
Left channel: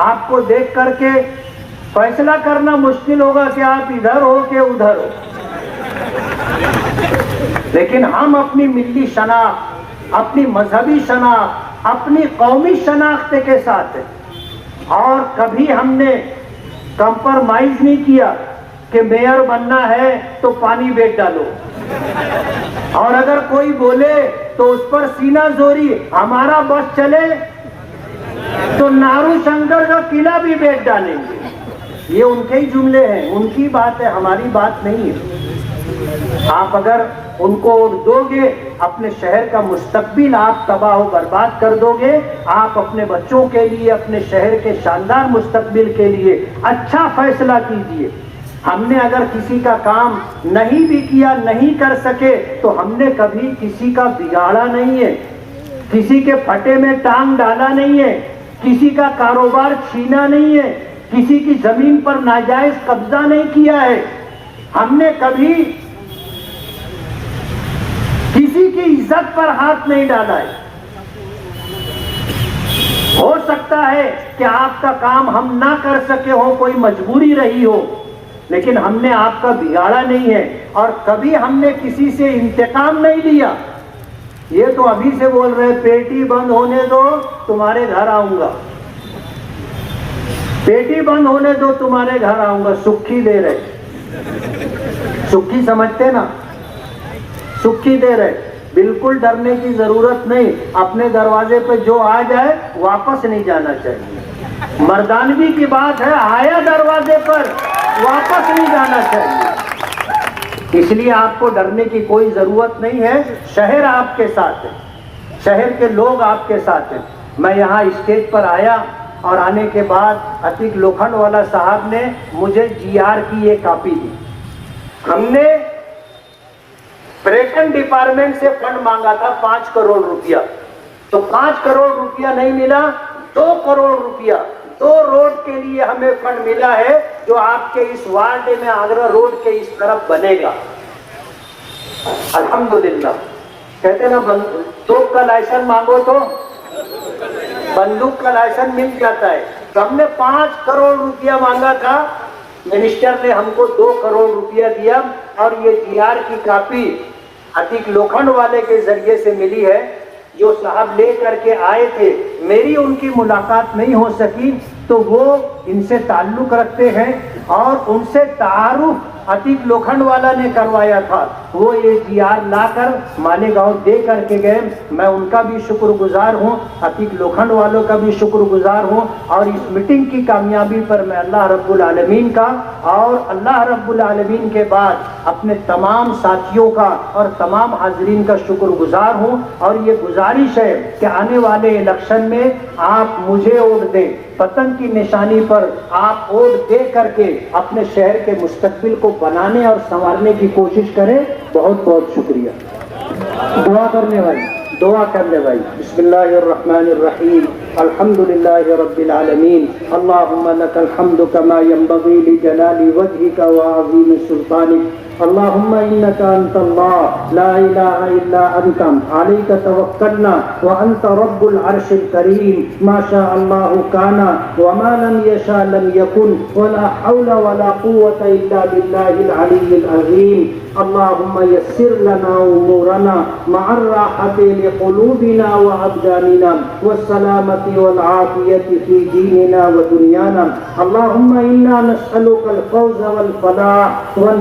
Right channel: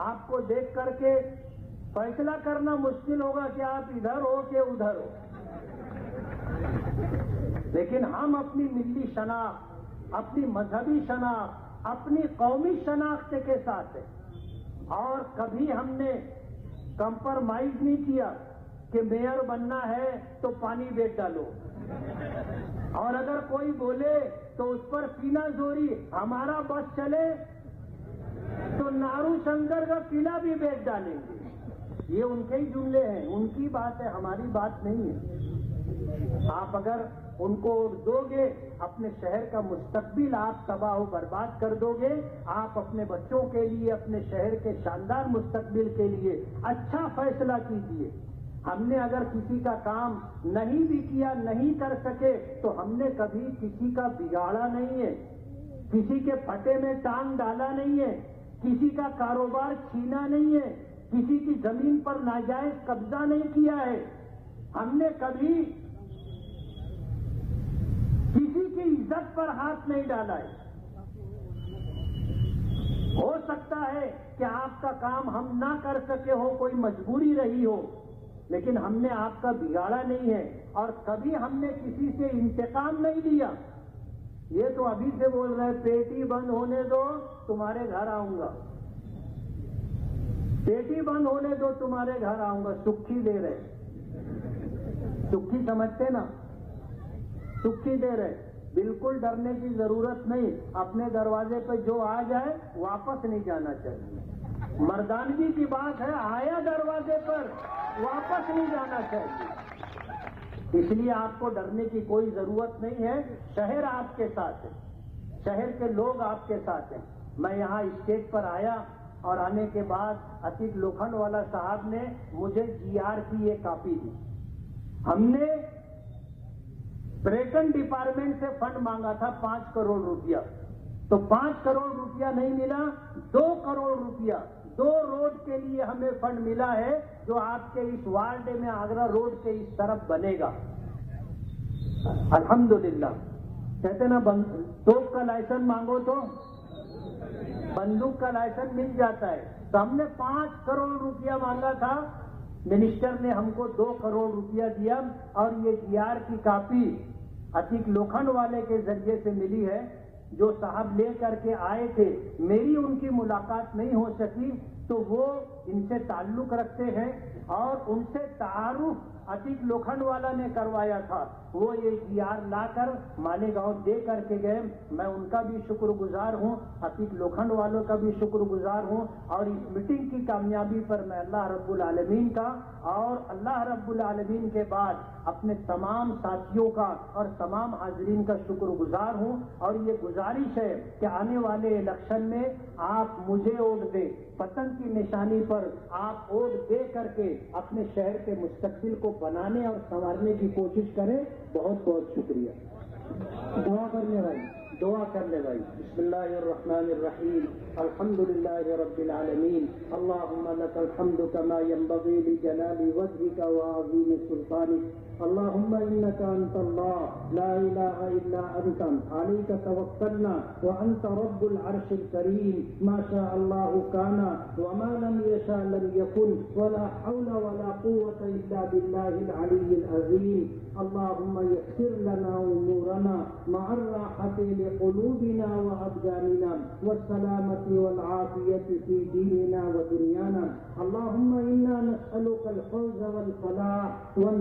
आपको देख करके फैसला करना मुश्किल होगा कि आप इधर हो कि उधर हो, लेकिन हम अपनी मिल्ली शनाख्त, अपनी मजहबी शनाख्त, अपनी कौमी शनाख्त के साथ हैं। और कभी हमने कंप्रोमाइज नहीं किया कि मेयर बनना है तो पानी बेच डालो, और अगर कोई बोले तो उस पर सीना जोरी, हमारा बस चले तो नारू शंकर का किला भी बेच डालेंगे। ये उनके ही जुमले हैं, उनकी बात है, हमारी बात नहीं है। आप अगर उनको दोगे, अपने शहर का मुस्तकबिल आप तबाह बर्बाद कर दोगे। आप अपने बच्चों के लिए, अपने शहर के शानदार मुस्तकबिल के लिए अच्छा फैसला कीजिए। हमने अगर किसी का काम नहीं भी किया, नहीं कर सके, तो हमने कभी किसी का बिगाड़ा नहीं है, किसी के फटे में टांग डाला नहीं है, किसी का कारोबार छीना नहीं है, किसी की जमीन पर नाजायज कब्जा नहीं किया है। हमने कभी किसी की इज्जत पर हाथ नहीं डाला है। हो सकता है कि आपका काम हम ना कर सके हो, कोई मजबूरी रही हो, लेकिन हमने आपका बिगाड़ा नहीं है और कभी हमने किसी से इंतकाम नहीं लिया। ये तो अभी से बोल रहे पेटी बंद होने दो तुम्हारे घर आऊंगा, पेटी बंद होने दो तुम्हारे घर आऊंगा, सुक्खी दे रहे, सुक्खी समझते ना, सुक्खी दे रहे। बिल्कुल डरने की जरूरत नहीं, अपने दरवाजे पे जो आ जाए वापस नहीं जाना चाहिए। मर्दानगी की बात है, आया दरवाजे पर वापस नहीं जाना चाहिए। इसलिए आपको डरने की कोई जरूरत नहीं है। शहर आपके साथ है, शहर के लोग आपके साथ हैं। मैं यहाँ स्टेज पर आया और आने के बाद अतीक लोखंडवाला साहब ने मुझे जीआर की ये कॉपी दी। हमने पर्यटन डिपार्टमेंट से फंड मांगा था 5 करोड़ रुपया, तो 5 करोड़ रुपया नहीं मिला, 2 करोड़ रुपया 2 रोड के लिए हमें फंड मिला है, जो आपके इस वार्ड में आगरा रोड के इस तरफ बनेगा। अल्हम्दुलिल्लाह। कहते ना बंदूक का लाइसेंस मांगो तो बंदूक का लाइसेंस मिल जाता है। तो हमने 5 करोड़ रुपया मांगा था, मिनिस्टर ने हमको 2 करोड़ रुपया दिया और ये जीआर की कॉपी अतीक लोखंडवाले के जरिए से मिली है, जो साहब ले करके आए थे। मेरी उनकी मुलाकात नहीं हो सकी, तो वो इनसे ताल्लुक रखते हैं और उनसे तारुफ अतीक लोखंडवाला ने करवाया था। वो ये जीआर लाकर मालेगांव दे करके गए। मैं उनका भी शुक्रगुजार हूँ, अतीक लोखंडवालों का भी शुक्रगुजार हूँ, और इस मीटिंग की कामयाबी पर मैं अल्लाह रब्बुल आलमीन का और अल्लाह रब्बुल आलमीन के बाद अपने तमाम साथियों का और तमाम हाजरीन का शुक्रगुजार हूँ। और ये गुजारिश है कि आने वाले इलेक्शन में आप मुझे वोट दें, पतंग की निशानी पर आप वोट दे करके अपने शहर के मुस्तकबिल को बनाने और संवारने की कोशिश करें। बहुत बहुत शुक्रिया। दुआ करने भाई बिस्मिल्लाहिर्रहमानिर्रहीम अल्हम्दुलिल्लाहि रब्बिल आलमीन अल्लाहुम्मा लकल हम्दु कमा यंबगी लिजलाली वजहिका व अज़ीम सुल्तानिक अल्लाहुम्मा इन्नका अंतल्लाह ला इलाहा इल्ला अंता अलैका तवक्कलना व अंता रब्बुल अर्शिल करीम मा शा अल्लाहु काना व मा लम यशा लम यकुन व ला हौला व ला कुव्वता इल्ला बिल्लाहिल अलिय्यिल अज़ीम अल्लाहुम्मा यस्सिर लना उमूरना मअर राहति लिक़ुलूबिना व अबदानिना व सलामति वल आफियति फी दीनिना व दुनियाना अल्लाहुम्मा इन्ना नस्अलुकल फौज़ वल फलाह वल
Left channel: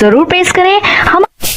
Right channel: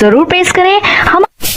जरूर प्रेस करें। हम